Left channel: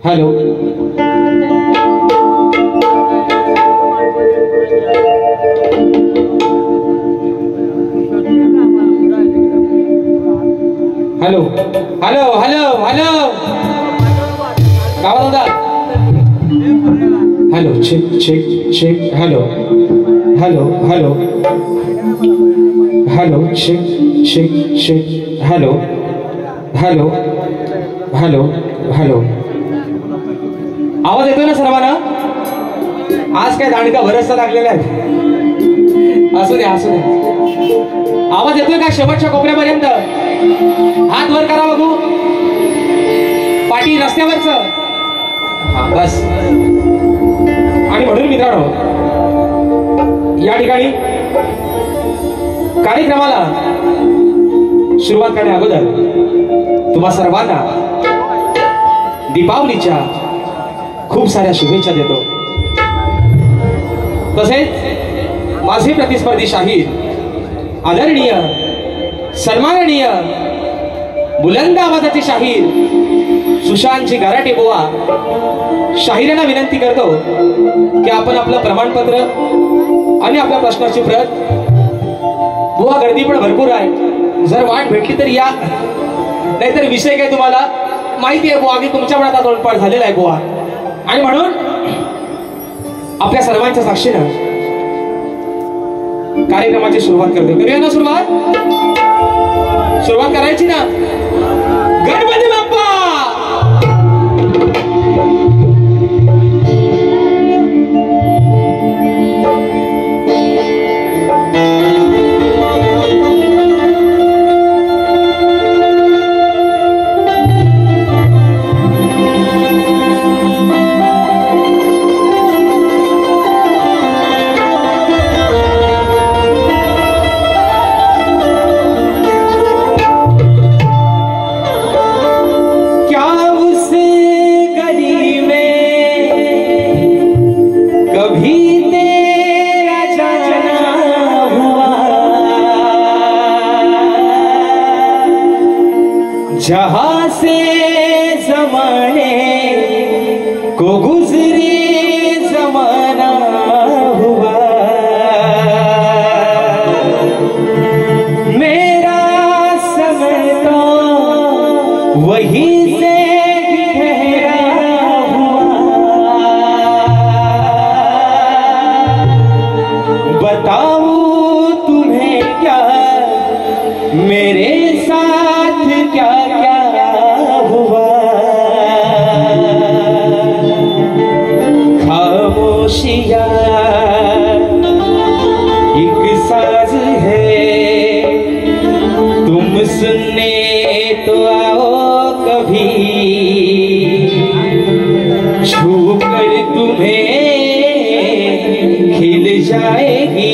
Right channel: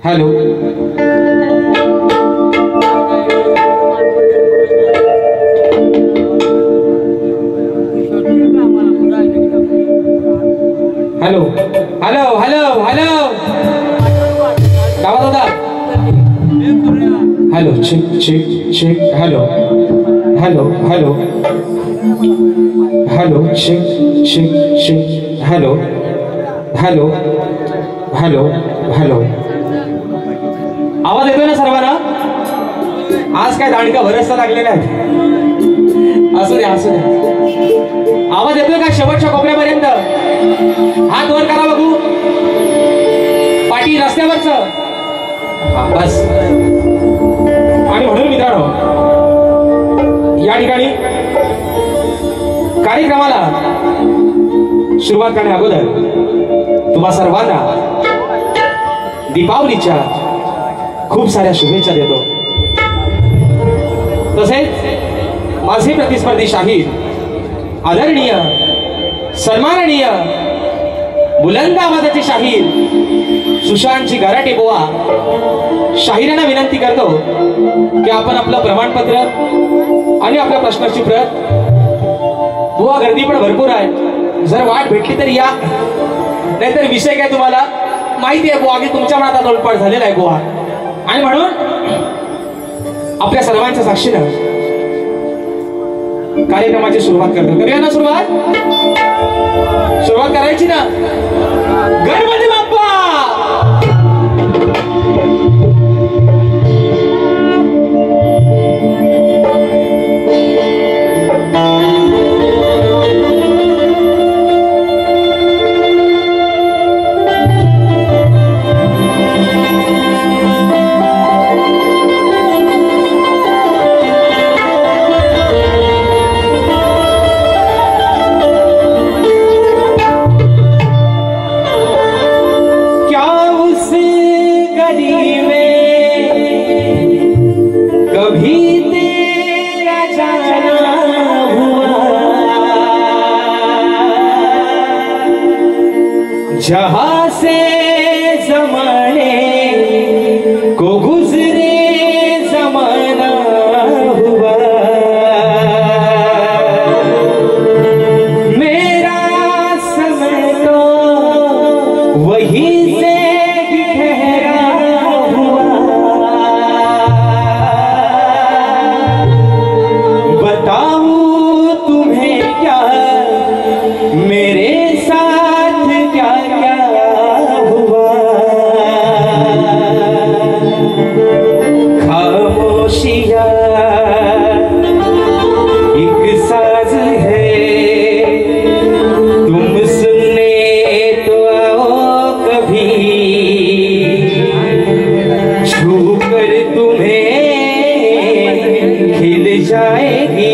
Hello hello hello hello hello काय दादा hello check check check hello hello hello hello check check check hello hello hello hello आवाज येतोय ना सर्वांना? आज काय दांडका भरसता लागलेला आहे. असू दे असू दे. आवाज येतोय का शेवटच्या कोपऱ्यापर्यंत? हात वर करा बघू. पाठी रस्त्यावरच बस. आणि म्हणून मित्रांनो या ठिकाणी कार्यक्रमाला सुरुवात करण्या अगोदर तुम्हा सर्वांना दीपावलीच्या खूप साऱ्या शुभेच्छा देतो। तसेच माझे प्रतिस्पर्धी शाहीर आदरणीय सन्माननीय बुलंद आवाजाचे शाहीर सुशांतजी गराटे बुवा शाहिरांना विनंती करतो की आपण आपलं प्रमाणपत्र आणि आपल्या प्रश्नाची प्रत, बुवा गर्दी पण भरपूर आहे, जर वाट भेटली तर या, नाहीतर विषय काय तुम्हाला माहिती आहे बुवा की तुमच्या मनात आता उलपाट झालेला आहे बुवा। आणि म्हणून आपल्या सर्वांच्या साक्षीनं कार्यक्रमाची सुरुवात करतो। करूया ना सुरुवात करायची ना। गणपती बाप्पा जहां से ज़माने को गुज़रे ज़माना हुआ, मेरा समय तो वही से ठहरा हुआ। बताऊं तुम्हें क्या मेरे साथ क्या हुआ। खामोशियां एक साज है, तुम सुनने तो आओ कभी, छू कर तुम्हें खिल जाएगी।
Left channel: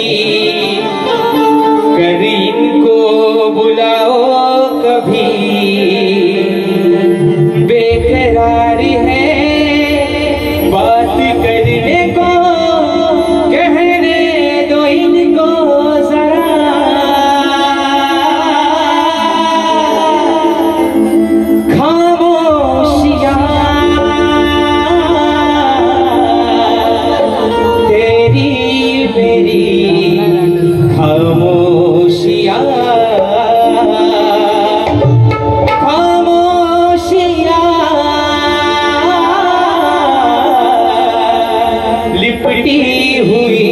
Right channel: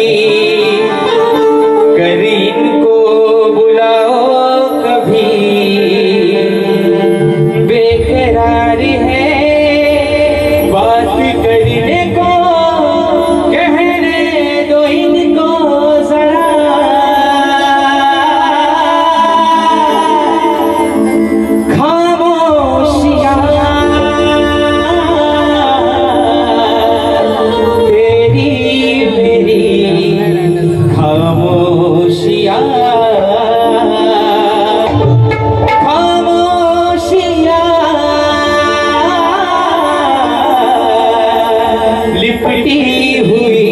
लिपटी हुई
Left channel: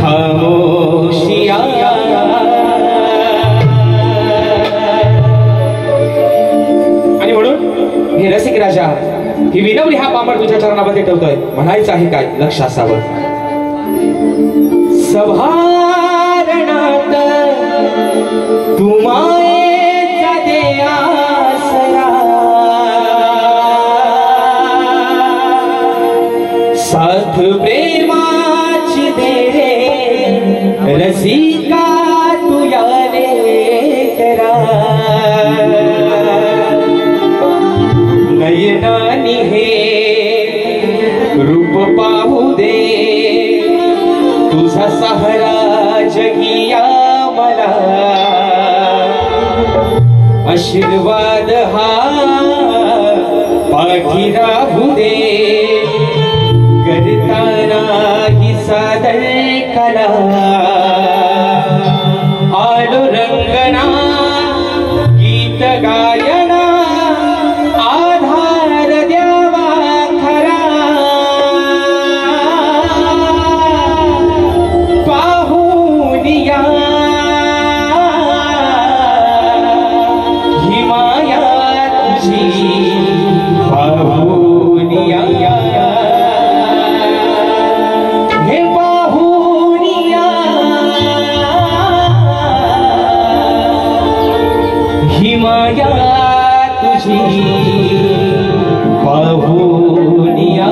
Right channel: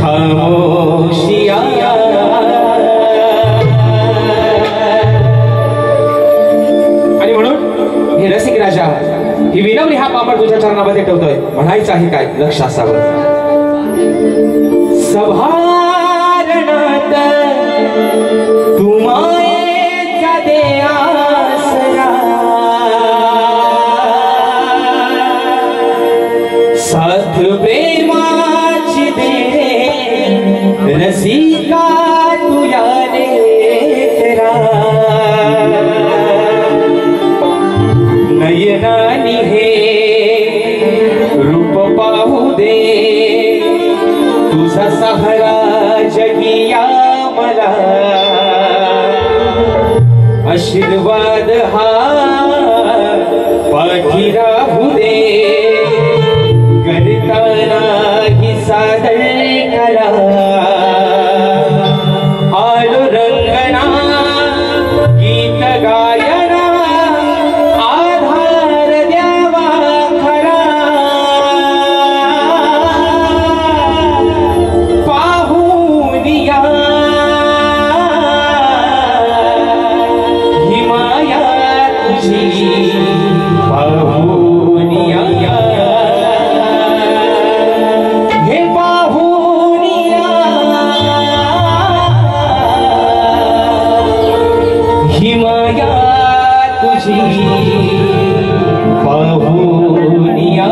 खामोशियां, आणि म्हणून हे रसिक राजा ही विनवणी हा पापड तुझ्या चरणामध्ये ठेवतोय। म्हणायचं आहे काय लक्ष असावं। सभारणात तुम्हाचा दे आसरा, साथ प्रेमाची दे रसिका तुया लेकरा। नयनानी हे रूप पाहू दे, तुझा सहारा जगिया मला। आशीर्वाद हा पाठी राहू दे, करताना ही सादर करा। आलो रंगना गीत गायना, आधार द्यावा खरा। पाहुनिया ही माया तुझी, पाहुनिया हिमाया तुझी पाहुनिया।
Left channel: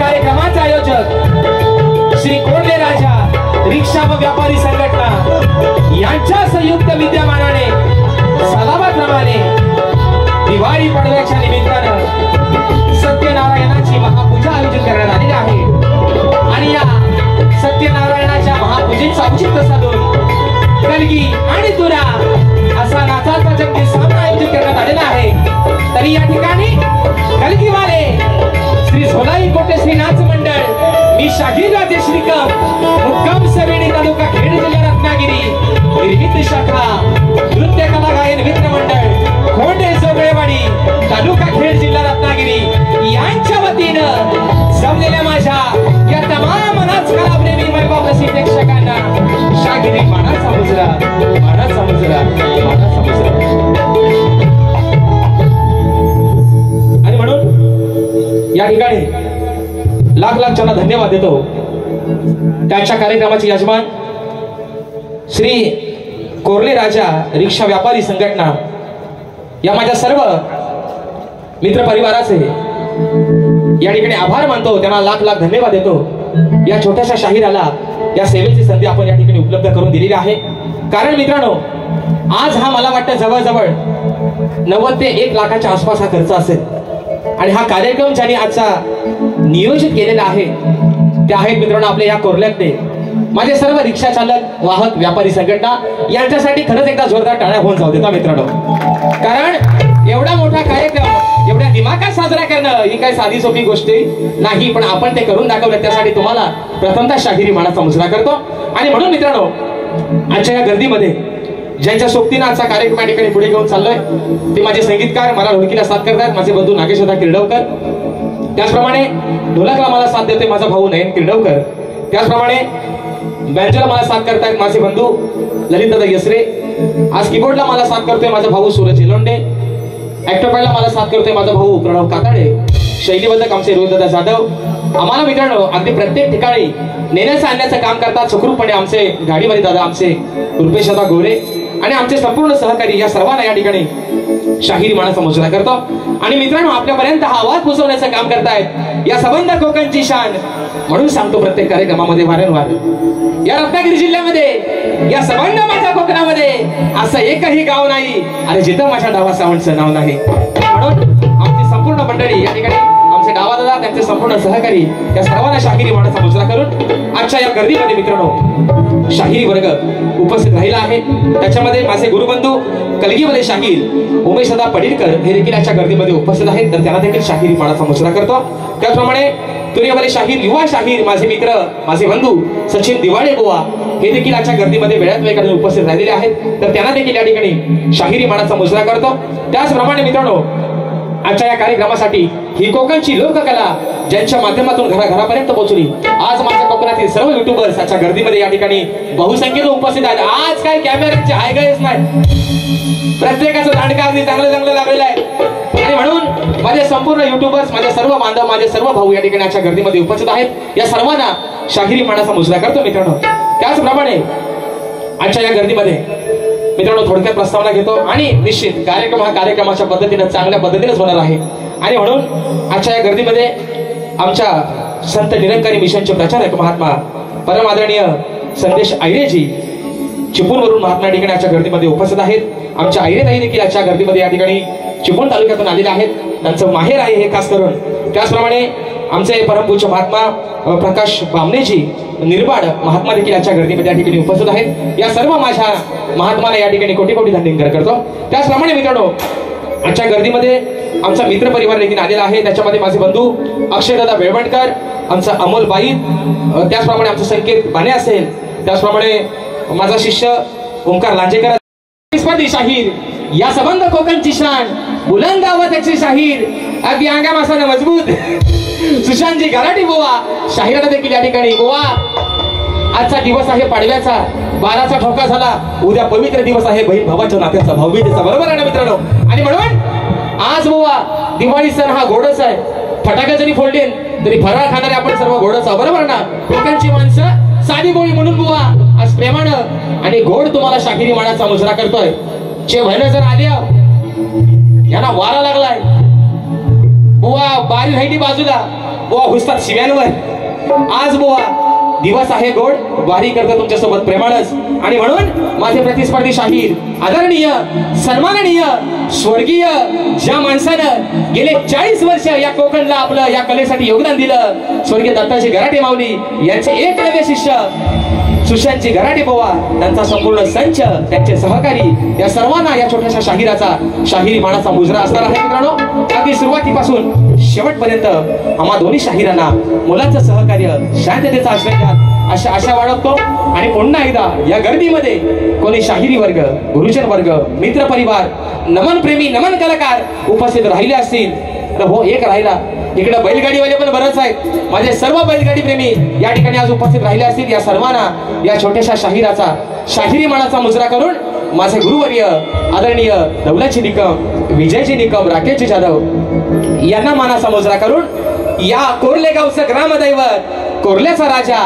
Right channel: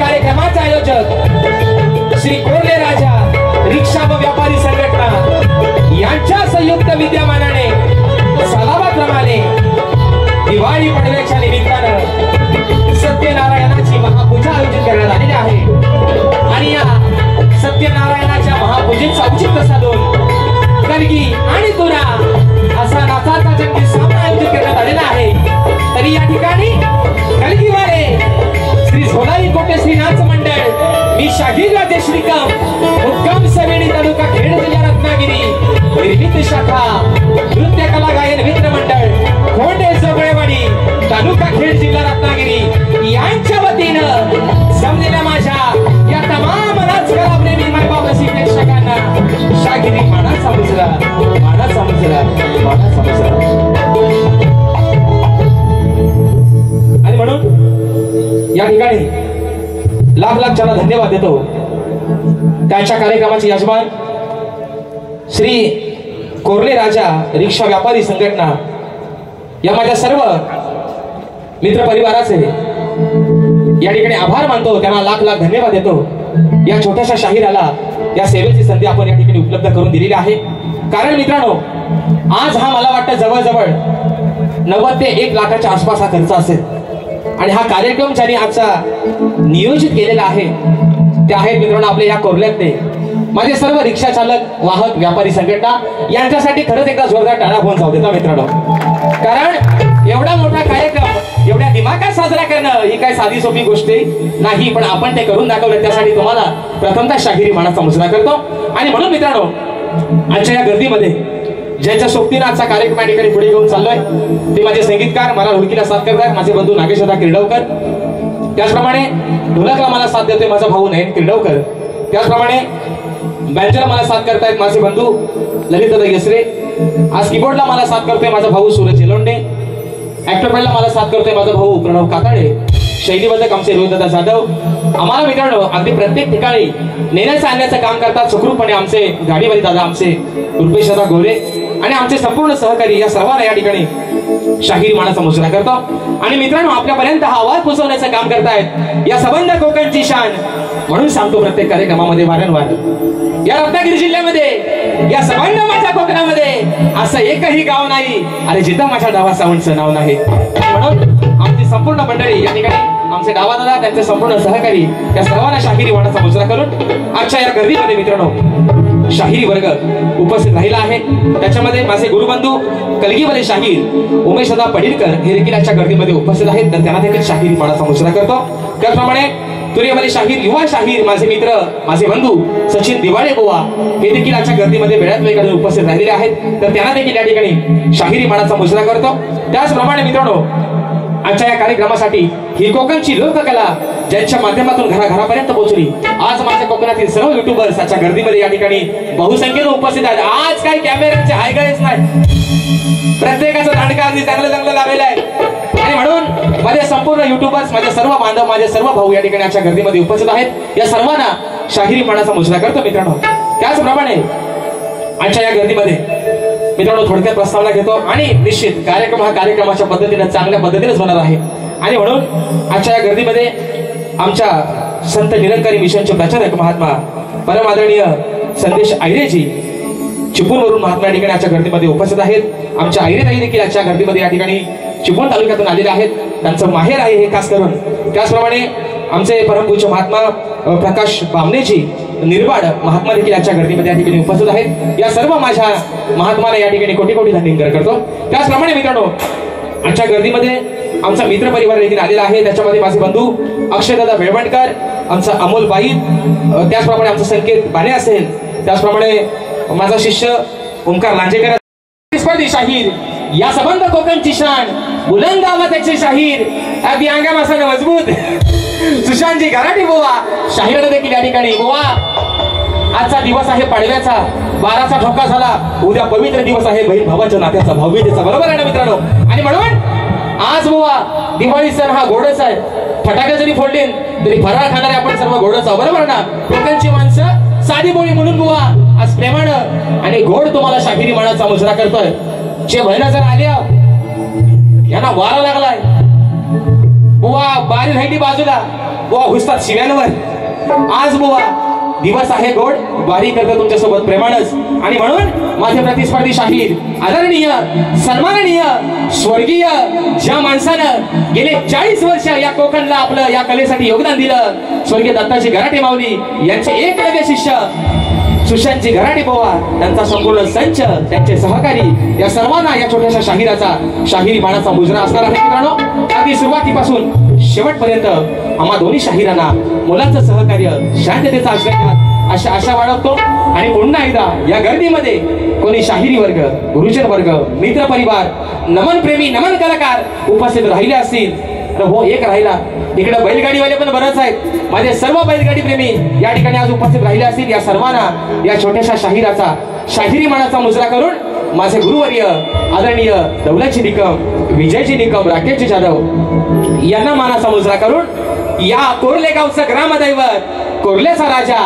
कार्यक्रमाचे आयोजक श्री कोर्ले राजा रिक्षा व व्यापारी संघटना यांच्या संयुक्त विद्यमानाने सलाबाप्रमाणे दिवाळी पडव्याच्या निमित्तानं सत्यनारायणाची महापूजा आयोजित करण्यात आलेली आहे आणि या सत्यनारायणाच्या महापूजेचा औचित्य साधून कलगी आणि तुरा असा नाचाचा जंगी सामना आयोजित करण्यात आलेला आहे। तरी या ठिकाणी कलगीवाले श्री झोलाई कोटे श्री नाच मंडळ मी शाहीर राजे श्रीकाम मुक्काम सवेणी तालुका खेड जिल्हा रत्नागिरी निर्मित शाखा नृत्य कला गायन मित्र मंडळ खोंडे जोगळेवाडी तालुका खेड जिल्हा रत्नागिरी यांच्या वतीनं जमलेल्या माझ्या या तमाम नाचकला प्रेमी मायबाप रसिक प्रेक्षकांना शागिरी मानाचा मुजरा मानाचा मुजरा मानाचा मुजरा। आणि म्हणून या ठिकाणी लाख लाख त्यांना धन्यवाद देतो। त्यांच्या कार्यक्रमाचे यजमान श्री कोर्ले राजा रिक्षा व्यापारी संघटना या माझ्या सर्व मित्र परिवाराचे या ठिकाणी आभार मानतो, त्यांना लाख लाख धन्यवाद देतो। या छोट्याशा शाहिराला या सेवेची संधी आपण या ठिकाणी उपलब्ध करून दिलेली आहे। कारण मित्रांनो आज हा मला वाटतं जवळजवळ 90 ते 1 लाखाच्या आसपास हा खर्च असेल आणि हा कार्यक्रम ज्यांनी आजचा नियोजित केलेला आहे ते आहेत मित्रांनो आपले या कोर्ल्यातले माझे सर्व रिक्षा चालक वाहक व्यापारी संघटना यांच्यासाठी खरंच एकदा जोरदार टाळ्या होऊन जाऊ देता मित्रांनो। कारण एवढा मोठा कार्यक्रम एवढ्या दिमागात साजरा करणं ही काही साधी सोपी गोष्ट नाही, पण आपण ते करून दाखवलं त्यासाठी तुम्हाला प्रथमतः शाहिरी मानाचा मुजरा करतो। आणि म्हणून मित्रांनो आजच्या या गर्दीमध्ये ज्यांच्या सोबतीनं आजचा कार्यक्रम या ठिकाणी पुढे घेऊन चाललोय ते माझे संगीतकार मला ढोलकीला साथ करतात माझे बंधू नागेशदा किर्डवकर, त्याचप्रमाणे ढोलकला मला साथ देतोय माझा भाऊ नयन किर्डवकर, त्याचप्रमाणे बँजोला मला साथ करतायत माझे बंधू ललितदादा यसरे, आज कीबोर्डला मला साथ करतोय माझा भाऊ सूरज इलोंडे, ऍक्टरपॅडला मला साथ करतोय माझा भाऊ प्रणव काकाडे, शैलीबद्धक आमचे रोहितदादा जाधव। आम्हाला मित्रांनो अगदी प्रत्येक ठिकाणी नेण्याचं आणण्याचं काम करतात सुखरूपपणे आमचे गाडीमध्ये दादा आमचे रुपेशदा गोरे आणि आमचे संपूर्ण सहकारी या सर्वांना या ठिकाणी शाहिरी मानाचा मुजरा करतो। आणि मित्रांनो आपल्यापर्यंत हा आवाज पोहोचवण्याचं काम करतायत या सबंध कोकणची शान, म्हणून सांगतो प्रत्येक कार्यक्रमामध्ये वारंवार या रत्नागिरी जिल्ह्यामध्ये या सबंध माझ्या कोकणामध्ये असं एकही गाव नाही अरे जिथं माझ्या डावा सावंतचं नाव नाही। म्हणून आमची संपूर्ण मंडळी या ठिकाणी आमचे डावा दादा त्यांचे संपूर्ण सहकारी या सर्वांना शाहिरी मानाचा मुजरा करून आजच्या या गर्दीमध्ये मित्रांनो शाहिरी वर्ग उपस्थित राहिला आहे। त्याच्यामध्ये माझे गुरुबंधू कलगीवाले शाहीर उमेशदा पडिलकर हे देखील आजच्या गर्दीमध्ये उपस्थित आहेत, तर त्यांना देखील शाहिरी मानाचा मुजरा करतो। त्याचप्रमाणे तुरेवाले शाहीर युवा शाहीर माझे मित्र माझे बंधू सचिन दिवाळे गोवा हे देखील आजच्या गर्दीमध्ये वेळात वेळ काढून उपस्थित राहिलेले आहेत, तर त्यांना देखील या ठिकाणी शाहिरी मानाचा मुजरा करतो। त्याचप्रमाणे मित्रांनो आजच्या या कार्यक्रमासाठी ही कोकणची लोककला ज्यांच्या माध्यमातून घराघरापर्यंत पोहोचली, आज माझ्या कोकणातील सर्व युट्यूबर्स आजच्या गर्दीमध्ये या ठिकाणी बहुसंख्येने उपस्थित आहेत। आज काही कॅमेऱ्याचे हायगायच नाही, प्रत्येकाचं दांडका अगदी चांगलं चांगलं लावलेलं आहे आणि म्हणून माझे संपूर्ण युट्यूबर्स माझे सर्व बांधव माझे सर्व भाऊ या ठिकाणी आजच्या गर्दीमध्ये उपस्थित आहेत, या सर्वांना शाहिरी मानाचा मुजरा करतो मित्रांनो। त्याचप्रमाणे आजच्या या गर्दीमध्ये मित्रांनो थोडक्यात प्रस्तावना घेतो आणि निश्चित कार्यक्रम हा कार्यक्रमाच्या पद्धतीने चांगल्या पद्धतीनेच होणार आहे। आणि म्हणून आजच्या या गर्दीमध्ये आमच्या संत निरंकारी मिशनचे प्रचारक महात्मा परम आदरणीय संदेश आयरेजी चिपळूणवरून महात्मा या ठिकाणी आजच्या गर्दीमध्ये उपस्थित आहेत। आमच्या आयरेताई देखील आजच्या गर्दीमध्ये या ठिकाणी चिपळूण तालुक्यातून आलेले आहेत, त्यांचं माहेर आहे हे खास करून। त्याचप्रमाणे आमचे परमपूज्य महात्मा प्रकाश बामणेजी निर्वाड महात्मा देखील आजच्या गर्दीमध्ये या ठिकाणी उपस्थित आहेत। या सर्व माझ्या महात्माला या ठिकाणी कोटी कोटी धन्यवाद करतो। त्याचप्रमाणे मित्रांनो आजच्या गर्दीमध्ये आमचा मित्र परिवार देखील आलेला आहे, त्याच्यामध्ये माझे बंधू अक्षयदादा बेळवणकर, आमचा अमोल बाई, त्याचप्रमाणे आमचा संकेत बाणे असेल, त्याचप्रमाणे माझा शिष्य ओंकार लांजेकर स्पर्धी शाहीर या सबंध कोकणची शान बुलंद आवाजाचे शाहीर अगदी अंगा मासाने मजबूत सुशांतजी गराटी बोवा शाहिराने देखील या ठिकाणी बोवा आजचा दिवस आहे पाडव्याचा 12चा ठोका झाला, उद्या पवित्र दिवस आहे बहीण भावाच्या नात्याचा भाऊबीजेचा, बरोबर आहे ना मित्रांनो। आणि म्हणून आज बोवा दिवाळी सण हा गोडच आहे, फटाके जरी फोडले तरी फराळ खाणारे आपण सर्व गोडच आहोत, बरोबर ना। कोकणची माणसं साधी बोली म्हणून बोवा आज प्रेमानं आणि गोड तुम्हाला शाहिरी मानाचा मुजरा करतोय। जे महिना जर आले यांना वारा लागलाय बुवा बारी राहिली बाजूला बुवा घुसतात शिव्यांवर। आज बुवा दिवस आहे गोड, वारी करतो तुमच्या सोबत प्रेमानच, आणि म्हणून माझे प्रतिस्पर्धी शाहीर आदरणीय सन्माननीय स्वर्गीय ज्या माणसानं गेले 40 वर्ष या कोकणला आपलं या कलेसाठी योगदान दिलं, स्वर्गीय दत्ताजी गराटे माऊली यांचे एकलव्य शिष्य सुशांतजी गराटे पोवा, त्यांचा संपूर्ण संच, त्यांचे सहकारी, या सर्वांना या छोट्याशा शाहिराचा शाहिरी मानाचा मुजरा असणार आहे मित्रांनो। अगदी सुरुवातीपासून शेवटपर्यंत आम्हा दोन्ही शाहिरांना मुलांचं सहकार्य, शांततेचा आश्रय आशा बाळगतो। आणि पुन्हा एकदा या गर्दीमध्ये कोणी शाहिरी वर्ग, गुरुजन वर्ग, मित्र परिवार, नमन प्रेमी, नमन कलाकार उपस्थित राहिले असतील तर हो एक राहिला, इकडे बैलगाडीवाले पण बरेच आहेत, माझे सर्व बैलगाडी प्रेमी या ठिकाणी आज उपस्थित राहिले असतील। या सर्वांना या छोट्याशा शाहिराचा शाहिरी मानाचा मुजरा करून माझे गुरुवर्य आदरणीय दौलतजी निकम, विजयजी निकम, राकेशजी जाधव यांना मानाचा मुजरा करून या कोर्ले गावचं ग्रामदैवत, कोर्ल्याचा राजा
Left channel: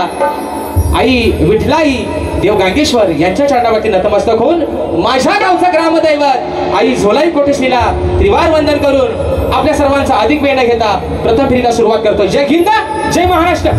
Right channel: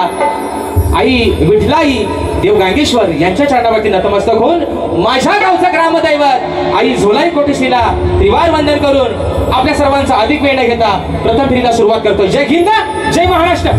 आई विठलाई देव गांगेश्वर यांच्या चरणावरती नतमस्तक होऊन माझ्या गावचं ग्रामदैवत आई झोलाई कोटेश्रीला त्रिवार वंदन करून आपल्या सर्वांचा अधिक वेळ न घेता प्रथम फेरीला सुरुवात करतो। जय हिंद, जय महाराष्ट्र।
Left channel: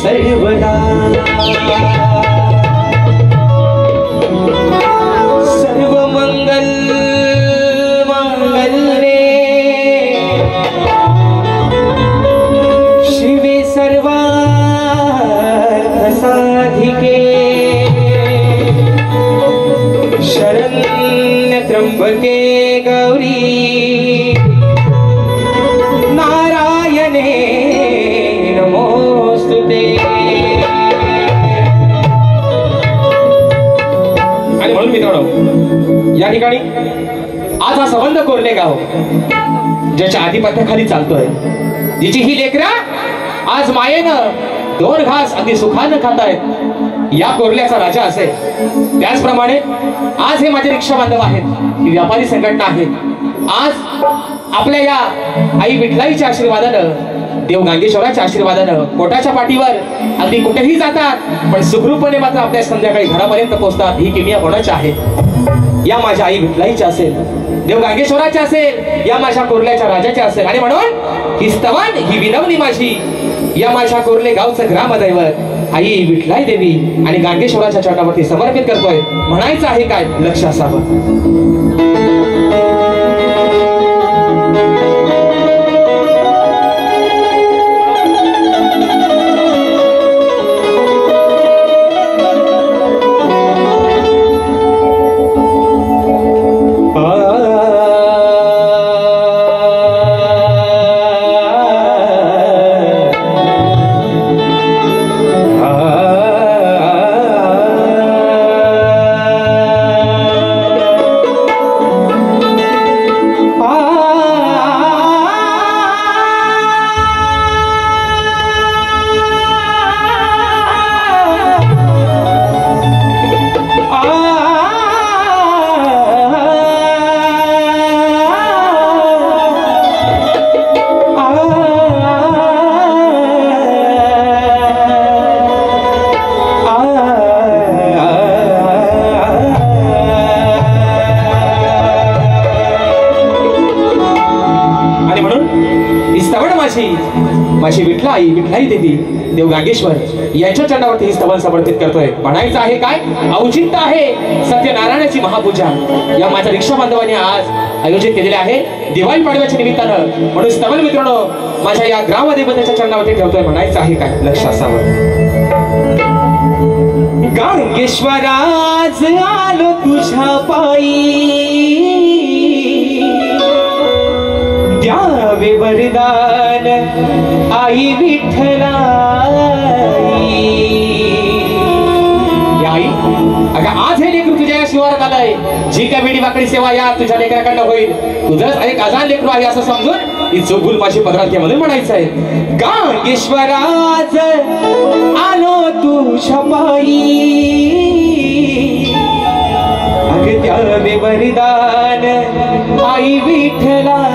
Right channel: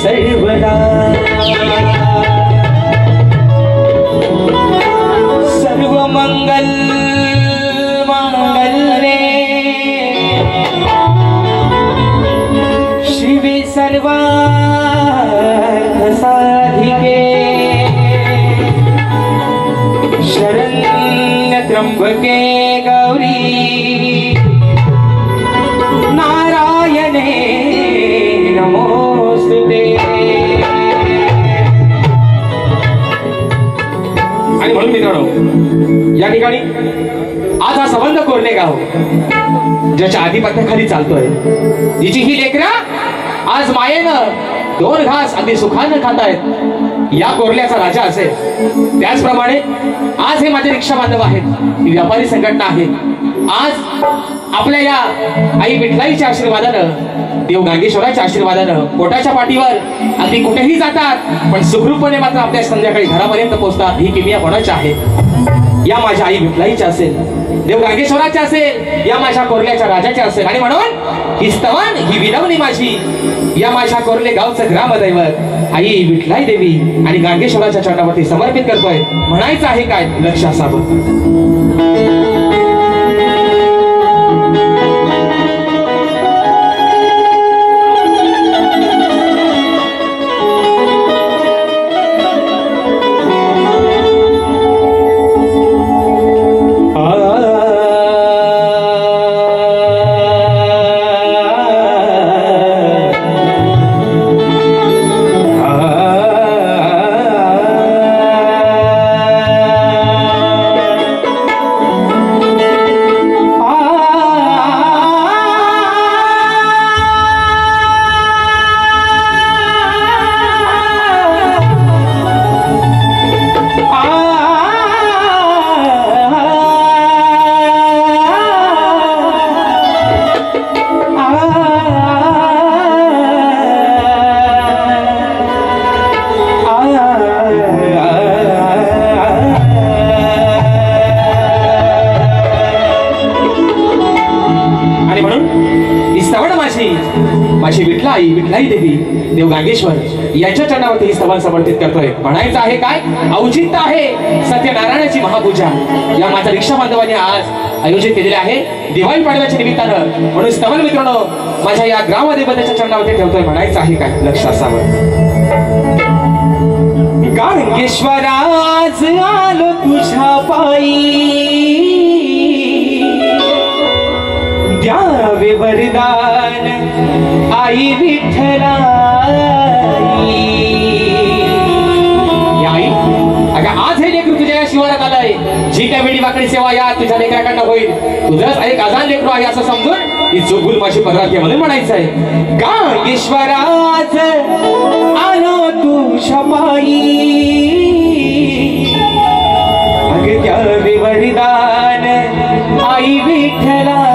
सर्वदा सर्व मंगल मांगल्ये शिवे सर्वार्थ साधिके शरण्य त्र्यंबके गौरी नारायणे नमोस्तुते। आणि म्हणून मित्रांनो या ठिकाणी आज हा संबंध कोर्ले गाव ज्याच्या आधिपत्याखाली चालतोय, जिची ही लेकरा आज मायेनं दोन घास अगदी सुखानं खातायत, या कोर्ल्याचा राजा असेल। त्याचप्रमाणे आज हे माझे रिक्षा बांधव आहेत, ही व्यापारी संघटना आहे। आज आपल्या या आई विठलाईच्या आशीर्वादानं, देव गांगेश्वराच्या आशीर्वादानं पोटाच्या पाठीवर अगदी कुठेही जातात पण सुखरूपणे मात्र आपल्या संध्याकाळी घरापर्यंत पोहोचतात। ही किमिया कोणाची आहे? या माझ्या आई विठलाईची असेल, देव गांगेश्वराची असेल, या माझ्या कोर्ल्याच्या राजाची असेल। आणि म्हणून ही स्तवन, ही विनवणी माझी या माझ्या कोर्ले गावचं ग्रामदैवत आई विठलाई देवी आणि गांगेश्वराच्या चरणावरती समर्पित करतोय। म्हणायचं आहे काय? लक्ष असावं। विठलाई देवी देव गांगेश्वर यांच्या चरणावरती स्तवन समर्पित करतोय। म्हणायचं आहे काय? औचित्य आहे सत्यनारायणाची महापूजा या माझ्या रिक्षा बांधवांनी आज आयोजित केलेले आहे दिवाळी पाडव्याच्या निमित्तानं। म्हणून स्तवन मित्रांनो माझ्या या ग्रामदेवतेच्या चरणावरती ठेवतोय। म्हणायचं आहे काय? लक्ष असावं। गांगेश्वराज आलो तुझ्या पायी द्यावे वरदान आई विठ्ठलाई। आई अगं आज हे लेकरू तुझ्या शिवारात आलंय, जी काय वेळी वाकडी सेवा या तुझ्या लेकराकडनं होईल, तुझंच एक अजान लेकरू आहे असं समजून ही चोगुल माझी पदरात घे म्हणून म्हणायचं आहे। गांगेश्वराज आलो तुझ्या पायी अगं द्यावे वरदान आई विठ्ठलाई।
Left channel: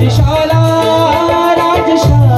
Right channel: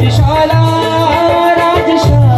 राजशाला राजशाला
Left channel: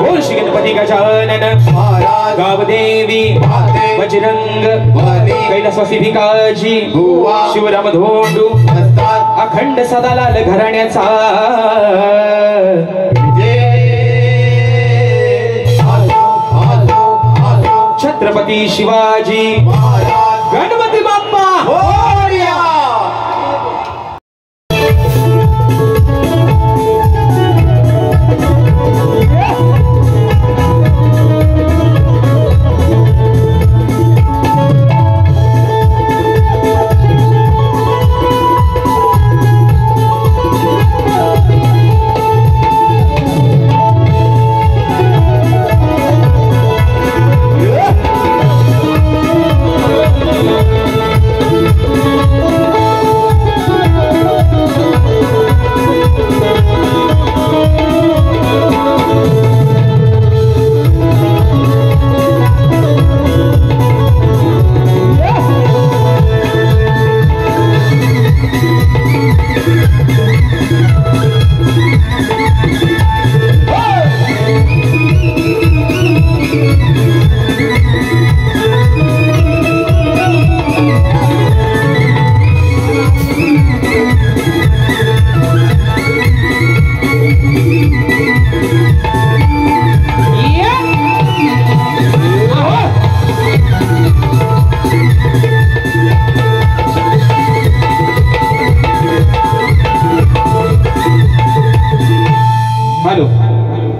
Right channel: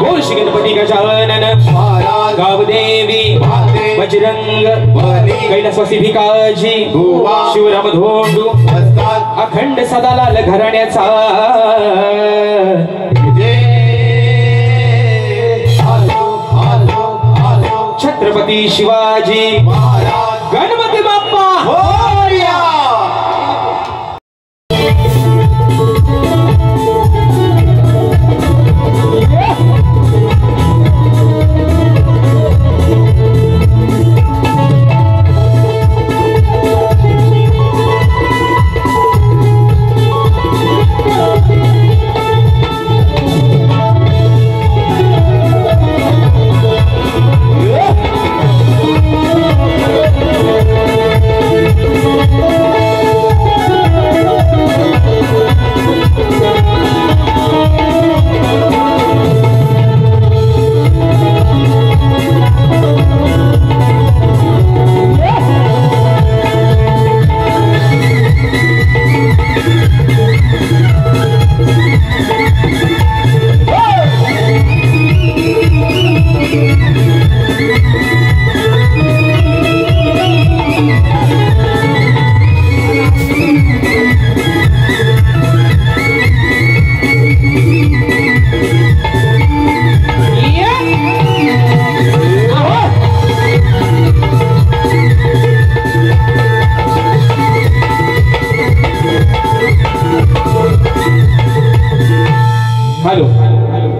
बोल श्री गणपती गजानन गावदेवी बजरंग कैलासवासी भिकाजी शिवराम धोंडू अखंड सदालाल घराण्याचा छत्रपती शिवाजी गणपती बाप्पा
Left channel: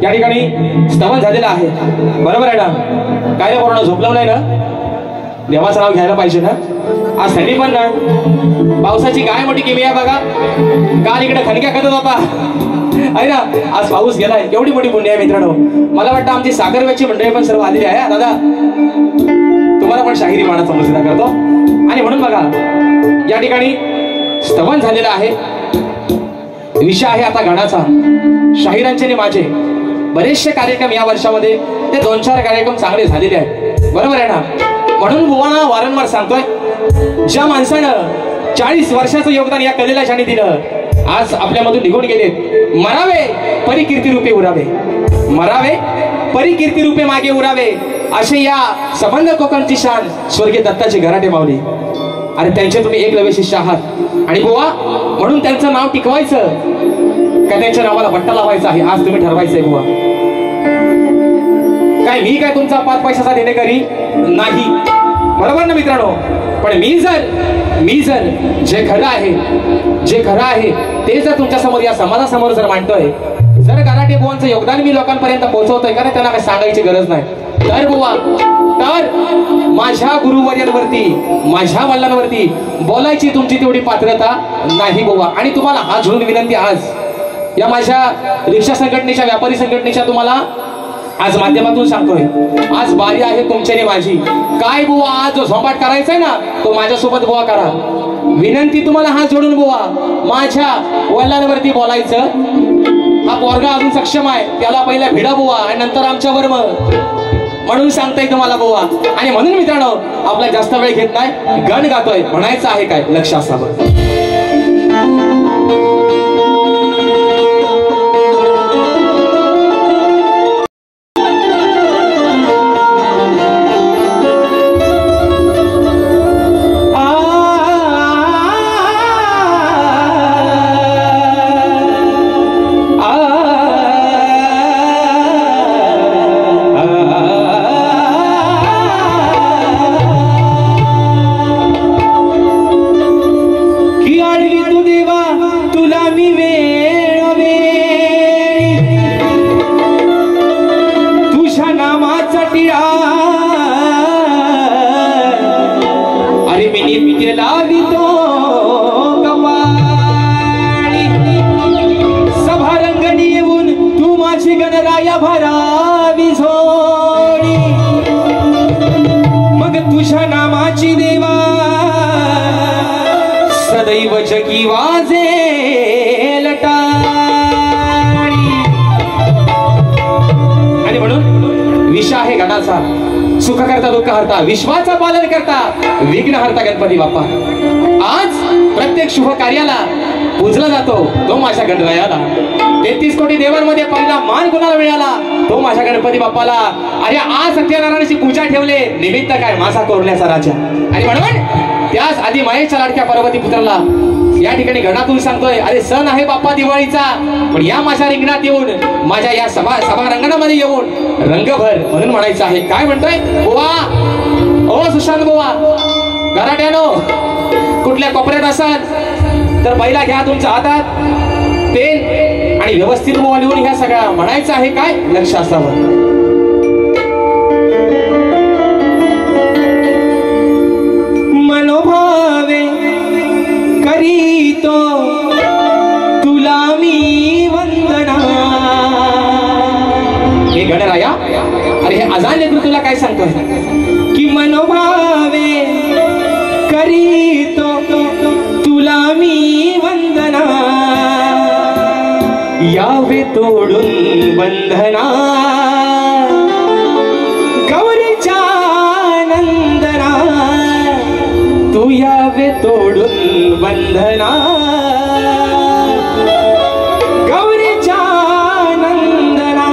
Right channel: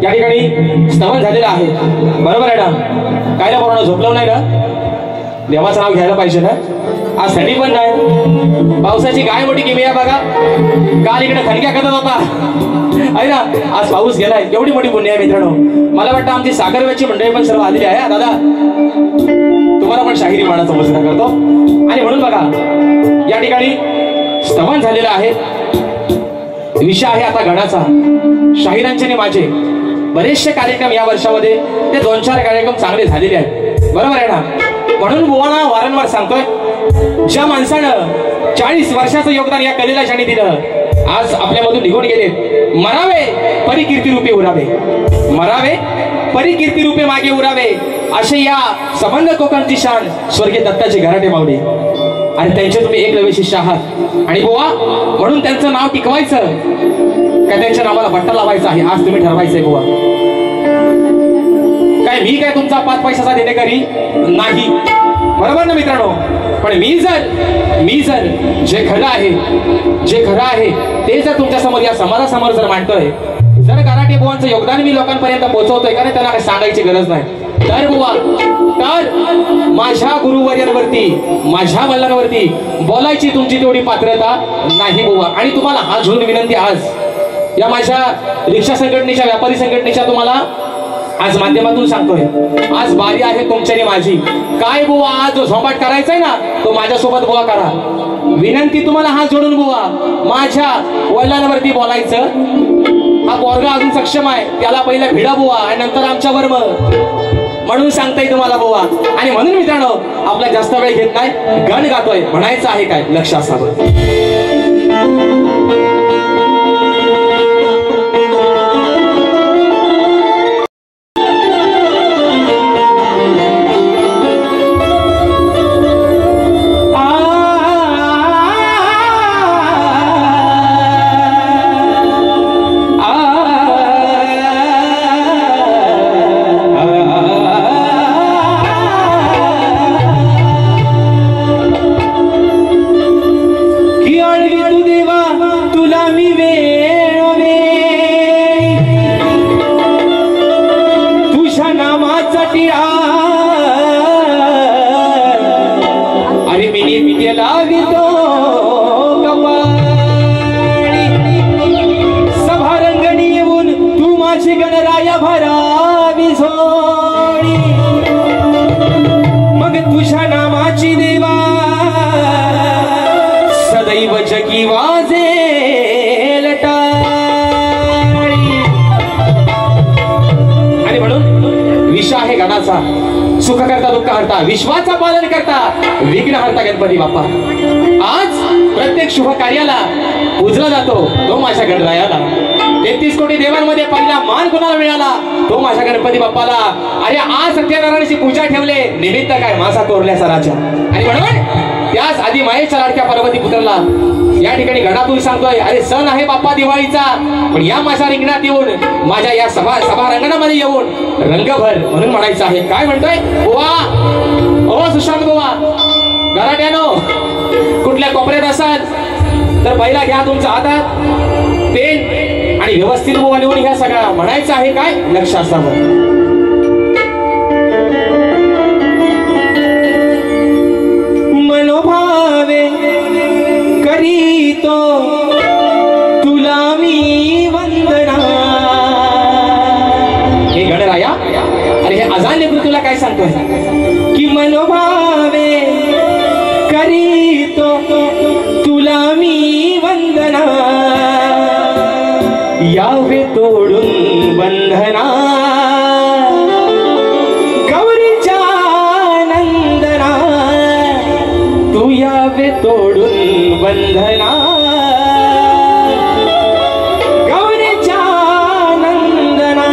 या ठिकाणी स्तवन झालेलं आहे, बरोबर आहे ना? काय रे पूर्ण झोपलं नाही ना? देवाचं नाव घ्यायला पाहिजे ना? आज थंडी पण नाही, पावसाची काय मोठी किमी आहे बघा. काल इकडे खणक्या करत होता आहे ना, आज पाऊस गेलाय. एवढी मोठी पुण्य आहे मित्रांनो. मला वाटतं आमची साखरवेची मंडळी पण सर्व आलेली आहे. दादा तुम्हाला पण शाहिरी मानाचा मुजरा करतो. आणि म्हणून बघा या ठिकाणी स्तवन झालेलं आहे. विषय आहे आता गणाचा. शाहिरांचे आणि माझे बरेचसे कार्यक्रम या वर्षामध्ये ते 2-4 कार्यक्रम चांगले झालेले आहेत, बरोबर आहे ना? म्हणून बुवांना वारंवार सांगतोय, ज्या माणसानं 40 वर्षाचं योगदान या कलेला ज्याने दिलं, आज आपल्यामधून निघून गेले. मरावे परी कीर्ती रूपे उरावे, मरावे परी कीर्ती रूपे मागे उरावे, असे या संबंध कोकणची शान स्वर्गीय दत्ताचे घराटे मावले. आणि त्यांचे तुम्ही एकलव्य शिष्य आहात. आणि बुवा म्हणून त्यांचं नाव टिकवायचं का त्यांच्या नावाला बट्टा लावायचा आहे, आज तुम्ही ठरवायचंय बुवा. काय मी काय तुमचा 5 पैशाचा देणेकरी नाही, बरोबर ना मित्रांनो? पण मी जर जे खरं आहे ते जर तुमच्या समोर या समाजासमोर जर मांडतोय, जर घराटे बुवांचं योगदान मी लोकांपर्यंत पोहोचवतोय का नाही, त्यांना काही सांगायची गरज नाही. तर बुवा तर माझ्या गुरुवर्यांवरती, माझ्या वडिलांवरती बोलायची तुमची तेवढी पात्रता नाही बुवा. आणि तुम्हाला हात जोडून विनंती, आज या माझ्या रिक्षा संघटनेच्या, व्यापारी संघटनेच्या तुम्हाला आज माध्यमातून सांगतोय, आज बारी आहे तुमची आणि माझी. काय बुवा आज जो झोंबाट करायचाय ना, तो माझ्यासोबत बुवा करा. विनंती तुम्हाला हात जोडून बुवा, माझ्या वडिलांवरती बोलायचं. हा पोरगा अजून सक्षम आहे, त्याला पहिला भिडा बुवा आणि नंतर आमच्यावर मग, म्हणून सांगताय तुम्हाला बुवा. आणि म्हणून मित्रांनो आपला जास्त वेळ घेत नाही, गण गातोय, म्हणायचं आहे काय लक्ष असावं. सुख करता दुःख हरता, विश्वाचा पालन करता, विघ्न हरता गणपती बाप्पा. आज प्रत्येक शुभ कार्याला पूजला जातो तो माझ्या गणरायाला. 33 कोटी देवांमध्ये पहिला मान कोणाला मिळाला तो माझ्या गणपती बाप्पाला. अरे आज सत्यनारायणाची पूजा ठेवले निमित्त काय मासा तोरण्याचा राजा. आणि म्हणून त्याच आधी मायेच्या लाडक्या पार्वती पुत्राला या ठिकाणी गणातून सांगतोय अरे सण आहे बाप्पा दिवाळीचा पण या माझ्या रिंगणात येऊन माझ्या या सभा रंगणामध्ये येऊन रंगभर म्हणून म्हणायचं आहे. काय म्हणतोय बुवा ओ सुशांत बुवा गराट्यानो कुठल्या कोपऱ्यात असाल तर पहिला घ्या तुमच्या हातात पेन आणि व्यवस्थित बुवा लिहून घ्या. सगळा म्हणायचं आहे काय लक्ष असावं. मनोभावे करीतो तुला मी वंदना. हे गणराया अरे हे अजान लेकरू तुला काय सांगतोय की मनोभावे करीतो तुला मी वंदना. यावे तोडून बंधना गौरीच्या नंदना. तू यावे तोडून बंधना गौरीच्या नंदना.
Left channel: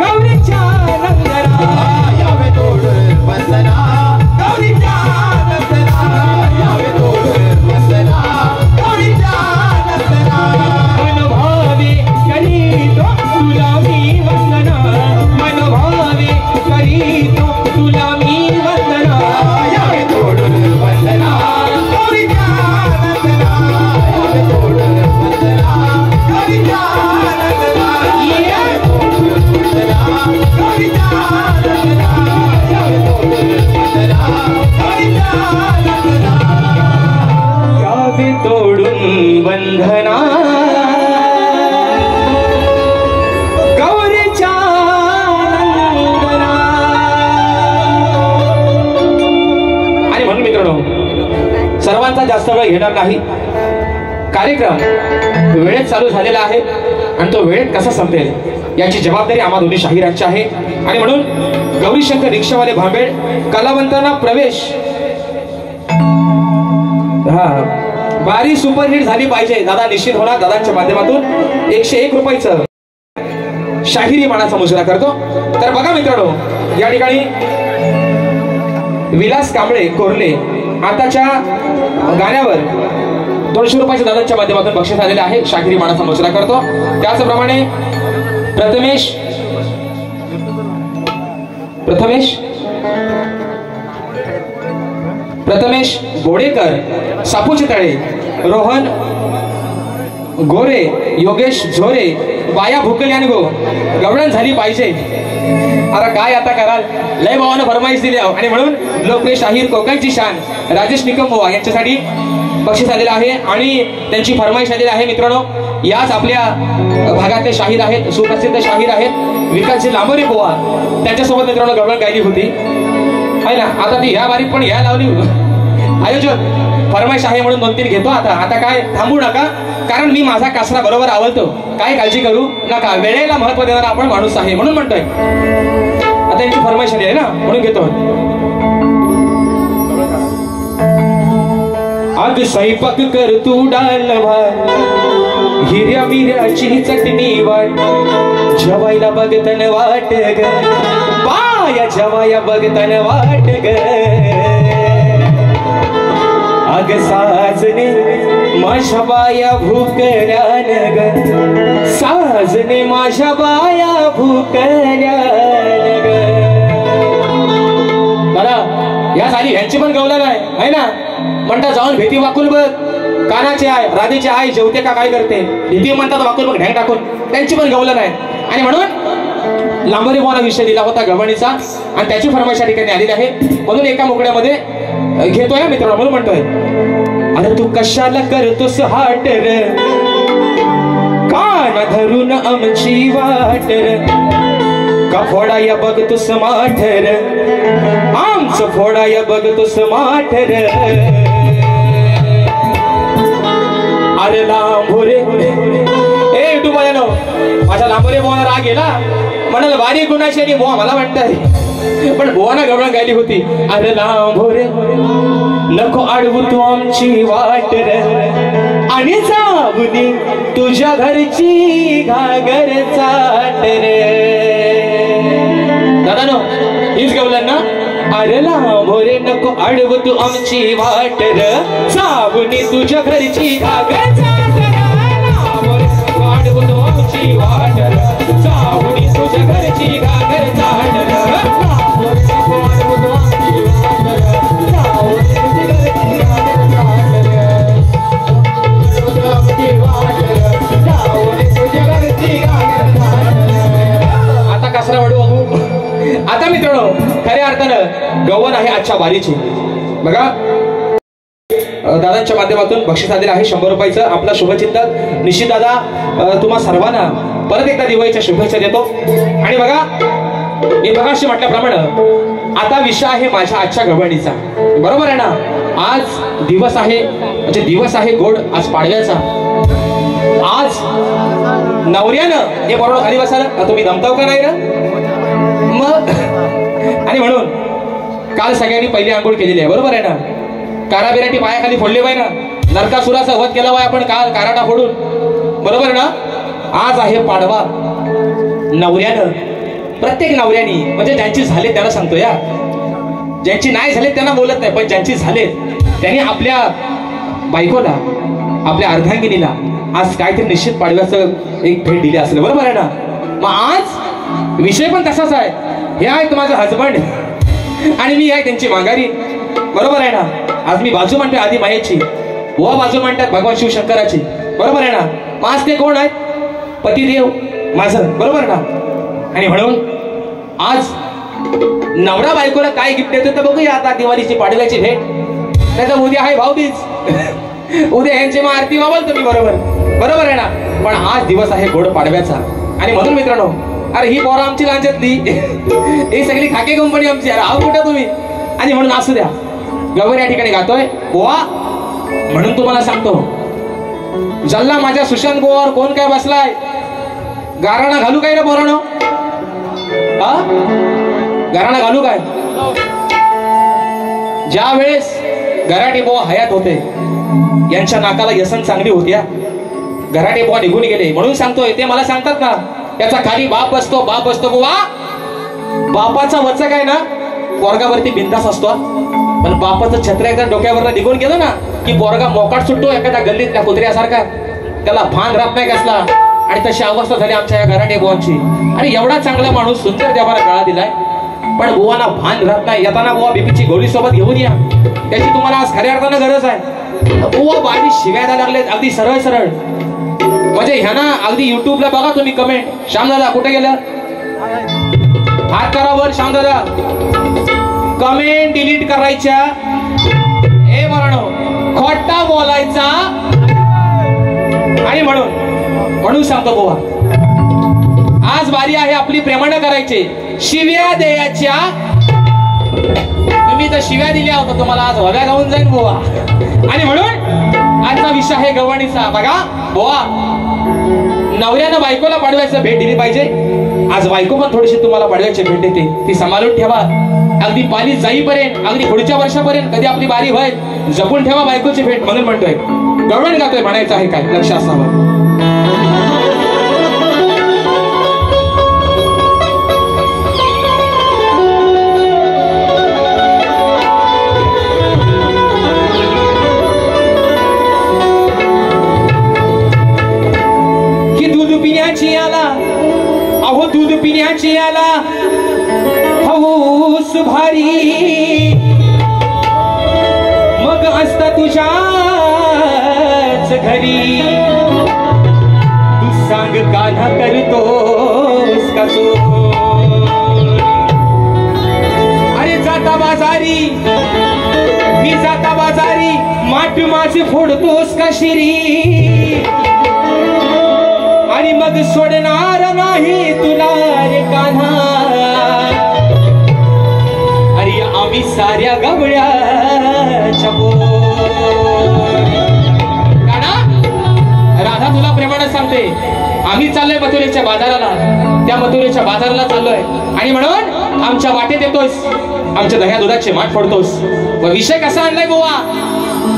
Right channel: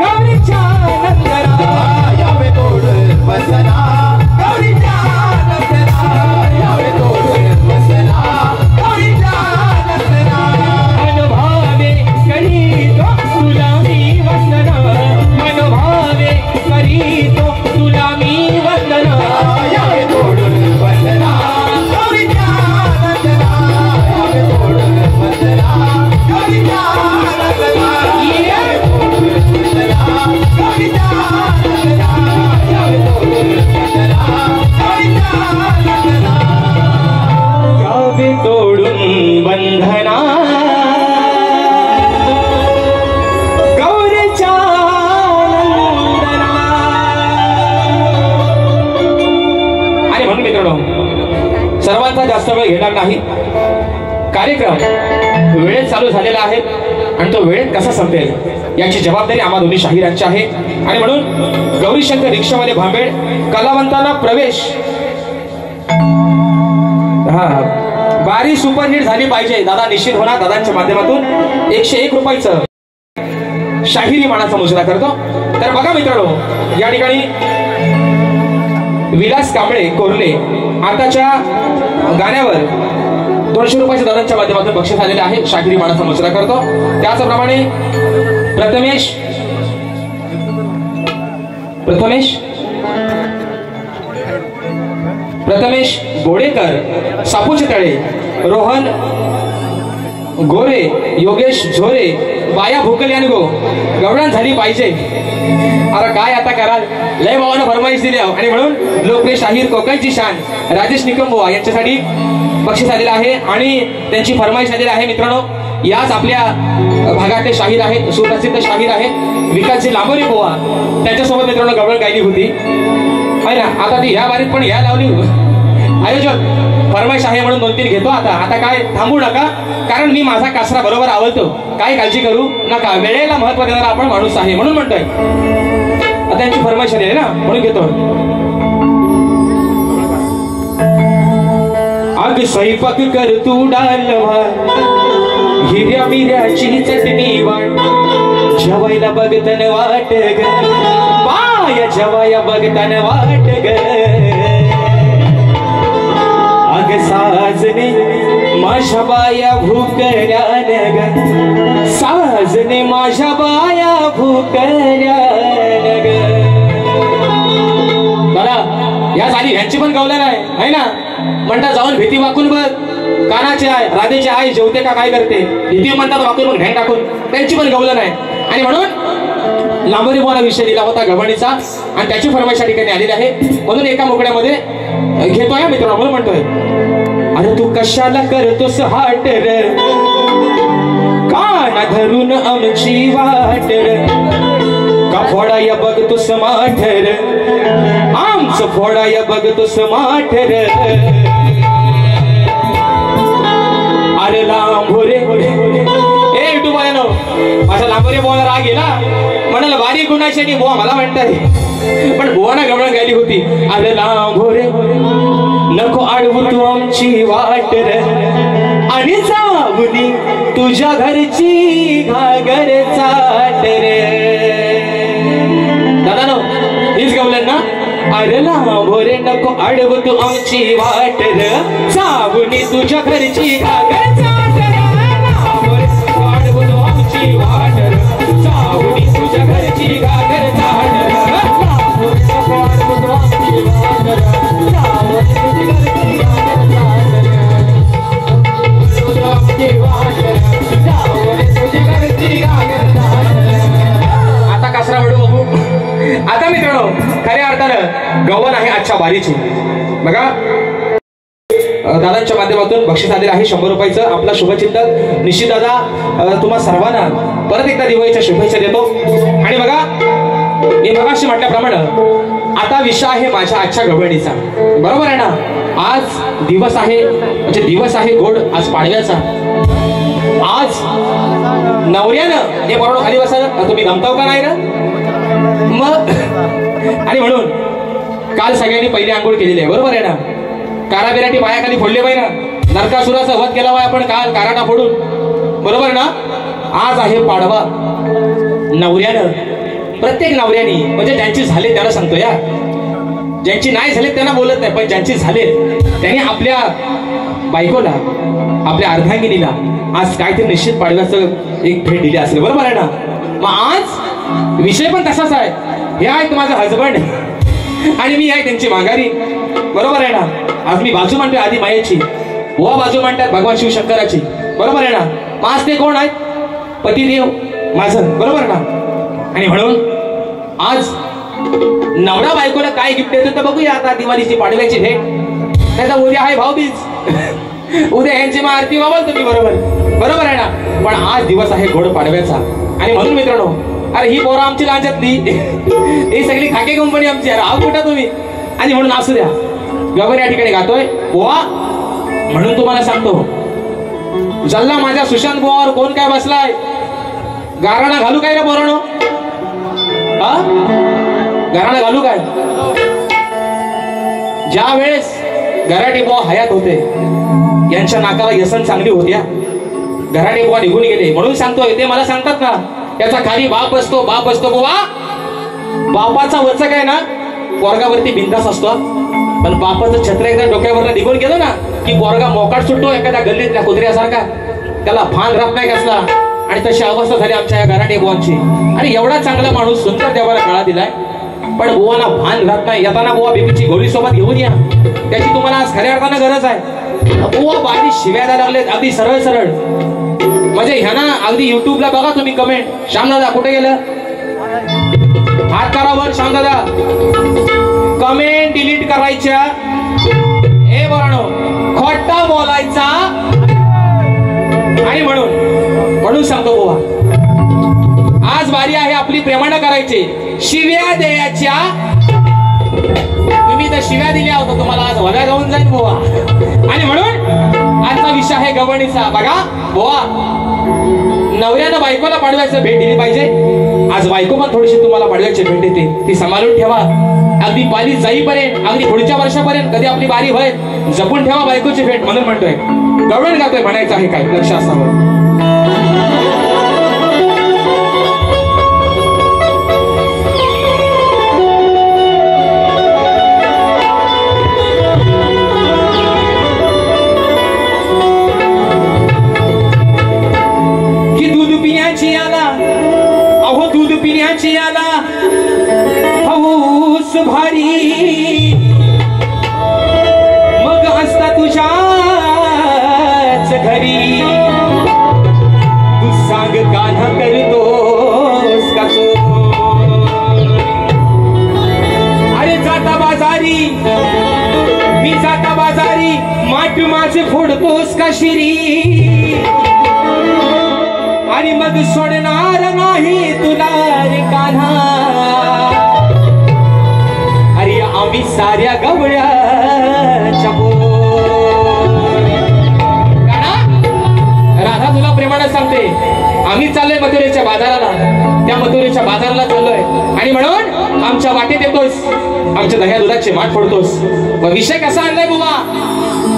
गौरीच्या तोडून बंधना गौरीच्या नंदना. आणि म्हणून मित्रांनो सर्वांचा जास्त वेळ घेणार नाही. कार्यक्रम वेळेत चालू झालेला आहे आणि तो वेळेत कसा संपेल याची जबाबदारी आम्हा दोन्ही शाहिरांची आहे. आणि म्हणून गौरीशंकर रिक्षावाले भांबेड कलावंतांना प्रवेश. हा बारी सुपरहिट झाली पाहिजे दादा निश्चित होणार. दादांच्या माध्यमातून 101 रुपयाचं शाहिरी मानाचा मुजरा करतो. तर बघा मित्रांनो या ठिकाणी विलास कांबळे कोरले आताच्या गाण्यावर 200 रुपयाच्या दादांच्या माध्यमातून बक्षीस आलेले आहे. शाहिरी मानाचा मुजरा करतो. त्याचप्रमाणे प्रथमेश बोडेकर सापूचे तळे, रोहन गोरे, योगेश झोरे, बाया भुकल्याने गो गवळण झाली पाहिजे. अरे काय आता कराल लय भावानं फरमाईश दिली आणि म्हणून लोकप्रिय शाहीर कोकणची शान राजेश निकमबुवा यांच्यासाठी बक्षीस आलेलं आहे आणि त्यांची फरमाईश आलेली आहे. मित्रांनो याच आपल्या भागातले शाहीर आहेत, सुप्रसिद्ध शाहीर आहेत विकासजी लांबोरे बुवा. त्यांच्यासोबत मित्रांनो गवळण गायली होती आहे ना. आता ती ह्या बारीत पण ह्या लावली आयोजक फरमाईश आहे म्हणून 2-3 घेतो. आता काय थांबू नका कारण मी माझा कासरा बरोबर आवडतो. काय काळजी करू नका. वेळेला महत्व देणारा आपण माणूस आहे म्हणून म्हणतोय. आता यांची फरमाईश आहे ना म्हणून घेतो. अग स्वयंपाक कर तू डालवार हिऱ्या बिऱ्याची चटणी वाट जेवायला बघतन वाट ग बाया जेवाया बघतन वाट ग. अग साजने माझ्या बाया भुकड्यान ग साजने माझ्या बाया भुकड्यान ग. बघा या साली ह्यांची पण गवलन आहे ना. म्हणतात जाऊन भीती वाकून बघ कानाची आहे राधेची आई जेवते का काय करते भीती म्हणतात वाकून बघ ढॅंग टाकून. त्यांची पण गवलन आहे आणि म्हणून लांबोरे बुवांना विषय दिला होता गवणीचा आणि त्याची फरमाईश या ठिकाणी आलेली आहे. म्हणून एका मोकळ्यामध्ये घेतोय मित्रांनो म्हणून म्हणतोय. अरे तू कशाला करतोस हाट रे कान धरून आमची वाट का फोडाया बघतोस माठ रे आमचं फोडाया बघतोस माठ रे. अरे लांबोरे ए डुबायनो माझा लांबोरे बुवाला राग गेला म्हणाला बारीक गुणाशी आणि बुवा मला म्हणताय पण बुवाना गवळण गायली होती. अरे लांबोरे नको अडवू तू आमची वाट रे आणि जाऊनी तुझ्या घरची घागर चाट रे. दादा नो हीच गवळण ना. अरे लांबोरे नको अडवू तू आमची वाट रे जाऊनी तुझ्या घरची घागर चाट रे. लांबोरे नको अडवू तू आमची वाट रे जाऊनी तुझ्या घरची घागर चाट रे. आता कासरा वाढू बघू. आता मित्रांनो खऱ्या अर्थानं गव्हाण आहे आजच्या वारीची. बघा दादांच्या माध्यमातून बक्षीस आलेलं आहे 100 रुपयाचं. आपला शुभचिंतक निश्चित दादा तुम्हा सर्वांना परत एकदा दिवाळीच्या शुभेच्छा देतो. आणि बघा मी मगाशी म्हटल्याप्रमाणे आता विषय आहे माझ्या आजच्या गवळणीचा बरोबर आहे ना. आज दिवस आहे म्हणजे दिवस आहे गोड आज पाडव्याचा. आज नवऱ्यानं हे बरोबर खाली बसलं तुम्ही दमताव का नाही ना मग. आणि म्हणून काल सगळ्यांनी पहिली आंघोळ केलेली आहे बरोबर आहे ना. काराबिराटी पायाखाली फोडले पाहिजे ना. नरकासुराचा वध केला पाहिजे आपण काल काराटा फोडून बरोबर ना. आज आहे पाडवा. नवऱ्यानं प्रत्येक नवऱ्यानी म्हणजे ज्यांची झाले त्याला सांगतो या ज्यांची नाही झाले त्यांना बोलत नाही पण ज्यांची झाले त्यांनी आपल्या बायकोला आपल्या अर्धांगिनीला आज काहीतरी निश्चित पाडव्याचं एक भेट दिली असेल बरोबर आहे ना. मग आज विषय पण तसाच आहे. हे आहे माझं हजबंड आणि मी आहे त्यांची माघारी बरोबर आहे ना. आज मी बाजू म्हणतोय आधी मायेची बुवा बाजू म्हणतात भगवान शिवशंकराची बरोबर आहे ना. मग आज ते कोण आहेत पतिदेव माझं बरोबर ना. आणि म्हणून आज नवरा बायकोला काय गिफ्ट देतो तर बघूया आता दिवाळीची पाडव्याची भेट. त्याचा उद्या आहे भाऊबीज उद्या यांची मग आरती वावाल तुम्ही, बरोबर आहे ना. पण आज दिवस आहे गोड पाडव्याचा आणि म्हणून मित्रांनो, अरे ही पोरं आमची लांच्यातली, ही सगळी खाकी कंपनी आमची, अरे आव कुठा तुम्ही, आणि म्हणून असू द्या. व्यवहार या ठिकाणी गातोय बोवा. म्हणून तुम्हाला सांगतो, जल्ला माझ्या सुशांत बोवावर कोण काय बसलाय, गाराणा घालू काय रे पोरानो, गाराणा घालू काय. ज्या वेळेस गराटे बुवा हयात होते, यांच्या नाकाला व्यसन चांगली होत्या, गराटे बुवा निघून गेले. म्हणून सांगतोय, ते मला सांगतात ना, त्याचा खाली बाप असतो बुवा. बापाचा वचक आहे ना पोरगावरती बिंदास असतो, पण बापाचं छत्र एकदा डोक्यावर निघून गेलं ना की पोरगा मोकाट सुटतो एखाद्या गल्लीतल्या कुत्र्यासारखा, त्याला भान राहत नाही कसला. आणि तशी अवस्था झाली आमच्या या गराटे बुवांची. आणि एवढा चांगला माणूस, सुंदर देवाला काळा दिलाय, पण बुवांना भान राहत नाही. येताना बुवा बीपीची गोळी सोबत घेऊन या, त्याची तुम्हाला आज खऱ्या अर्थाने गरज आहे. बुवा बाजी शिव्या द्यायला लागलेत अगदी सरळ सरळ. म्हणजे ह्याना अगदी युट्यूबला बघा तुम्ही कमेंट, श्यामदादा कुठे गेलं, हात करावर श्यामदादा, कमेंट डिलीट करायच्या. हे बरणो खोटा बोलायचा. आणि म्हणून सांगतो बुवा, आज बारी आहे आपली प्रेमानं करायची, शिव्या द्यायच्या. तुम्ही तर शिव्या दिल्या होत्या, तुम्हाला आज हव्या गाऊन जाईन बुवा. आणि म्हणून आजचा विषय आहे गवणीचा. बघा बुवा, नवऱ्यानं बायकोला पाडव्याचं भेट दिली पाहिजे. आज बायको पण थोडीशी तुम्हाला पाडव्याची भेट देते, ती सांभाळून ठेवा. अगदी पाली जाईपर्यंत, अगदी पुढच्या वर्षापर्यंत, कधी आपली बारी व्हाय, जपून ठेवा बायकोची भेट. म्हणून म्हणतोय, गवण गातोय म्हणायचं आहे काय, लक्षात असावं. हौस भारी मग असता तुझ्याच घरी, तू सांग कान्हा करतोस का सो. अरे जाता बाजारी मी, जाता बाजारी माठ माझे फोडतोस का शिरी, आणि मग सोडणार नाही तुला रे कान्हा. अरे आम्ही साऱ्या गवळ्याच्या राधा तुला प्रेमानं सांगते, आम्ही चाललोय मथुरेच्या बाजाराला, त्या मथुरेच्या बाजाराला चाललोय. आणि म्हणून आमच्या वाटेत येतोस, आमच्या दह्या दुधाचे माठ फोडतोस. व विषय कसा आणलाय बुवा,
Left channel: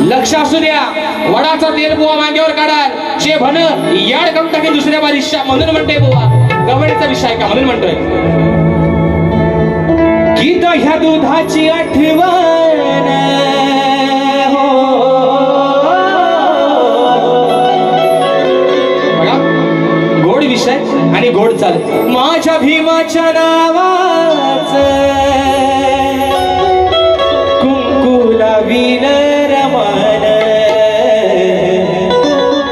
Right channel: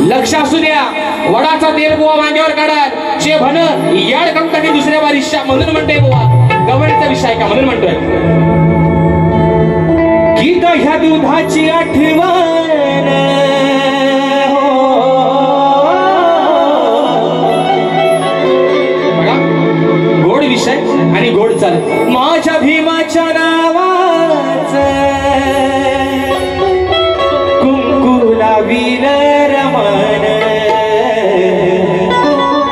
लक्ष असू द्या. वडाचा तेल बुवा मांग्यावर काढाल, जे भन याड करून टाकेल दुसऱ्या बारीशा. म्हणून म्हणते बुवा, गवळीचा विषय का, म्हणून म्हणतोय की ह्या दुधाची आठवण, गोड विषय आणि गोड चाल. माझ्या भीमाच्या नावाच कुंकू लावील रमान,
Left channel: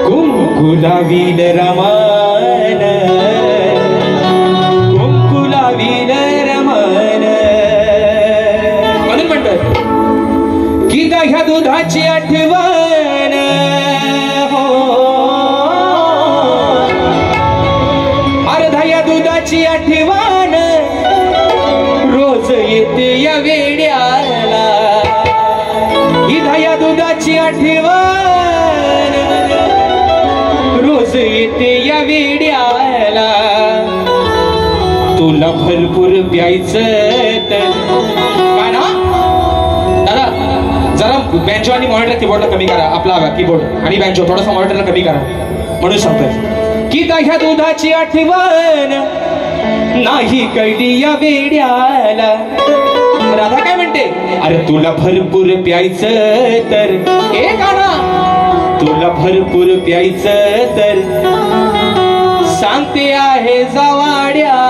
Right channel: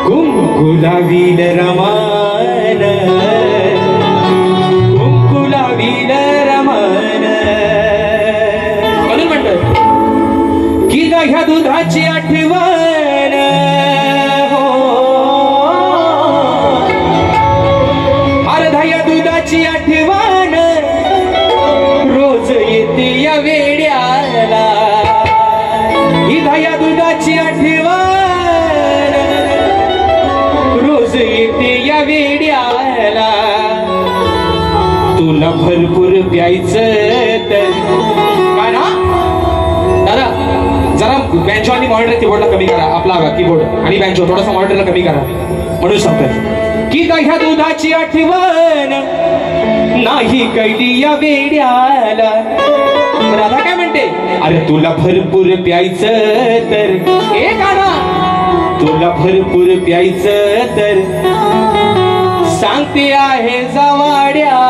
कुंकू लावील रमान, कुंकू लावील रमान. म्हणून म्हणतात की ह्या दुधाची आठवण, अर्धा या दुधाची आठवण रोज येते या वेड्याला. ही या दुधाची आठवण रोज येते या वेड्याला. तुला भरपूर प्यायचं तर जरा बँजो आणि मॉनिटर कीबोर्डला कमी करा, आपला कीबोर्ड आणि बँजो थोडासा मॉनिटरला कमी करा. म्हणून सांगतात की ह्या दुधाची आठवण नाही कैली या वेड्याला. राधा काय म्हणते, अरे तुला भरपूर प्यायचं तर, हे गाणं तुला भरपूर प्यायचं तर सांगते आहे जवाड्याला.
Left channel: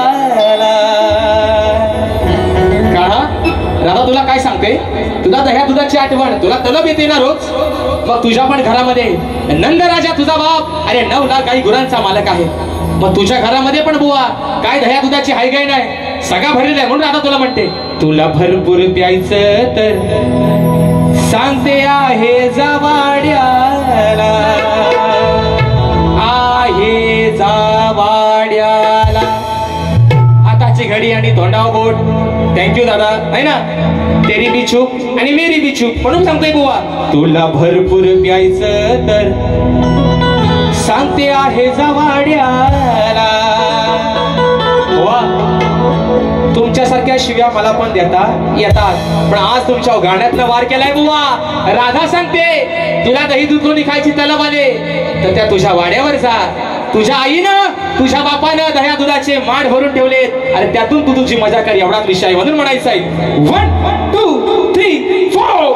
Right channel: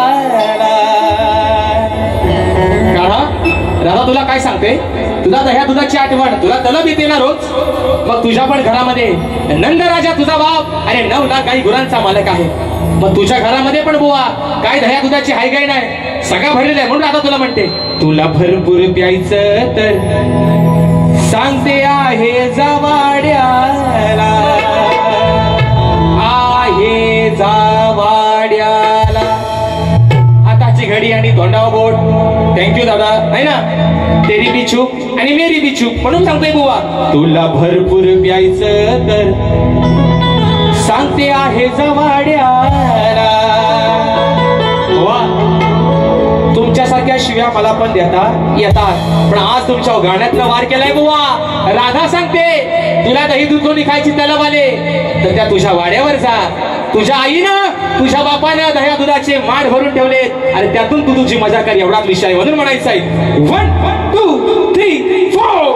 राधा तुला काय सांगते, तुला दह्या दुधाची आठवण, तुला तलब येते ना रोज. मग तुझ्या पण घरामध्ये नंद राजा तुझा बाप, अरे 9 लाख काही गुरांचा मालक आहे. मग तुझ्या घरामध्ये पण बुवा काय दह्या दुधाची हायगाई नाही, सगळा भरलेला आहे. म्हणून आता तुला म्हणते, तुला भरपूर प्यायचं तर सांगते आहे जवाड्या. आहे जावाड्याला. आताची घडी आणि तोंडावर बोट. थँक्यू दादा. नाही ना, तेरी बी चूक आणि मेरी बी चूक म्हणून सांगतोय बुवा, तुला भरपूर प्यायचं तर सांगते आहे जावाड्याला. तुमच्यासारख्या शिव्या मला पण देता येतात, पण आज तुमच्या गाण्यातनं वार केलाय बुवा. राधा सांगते तुला दही दूध कोणी खायची तलब आले तर त्या तुझ्या वाड्यावर जा. तुझ्या आईनं तुझ्या बापानं दह्या दुधाचे माठ भरून ठेवलेत आणि त्यातून तू तुझी मजा कर एवढाच विषय म्हणून म्हणायचं आहे. 1 2 3 4.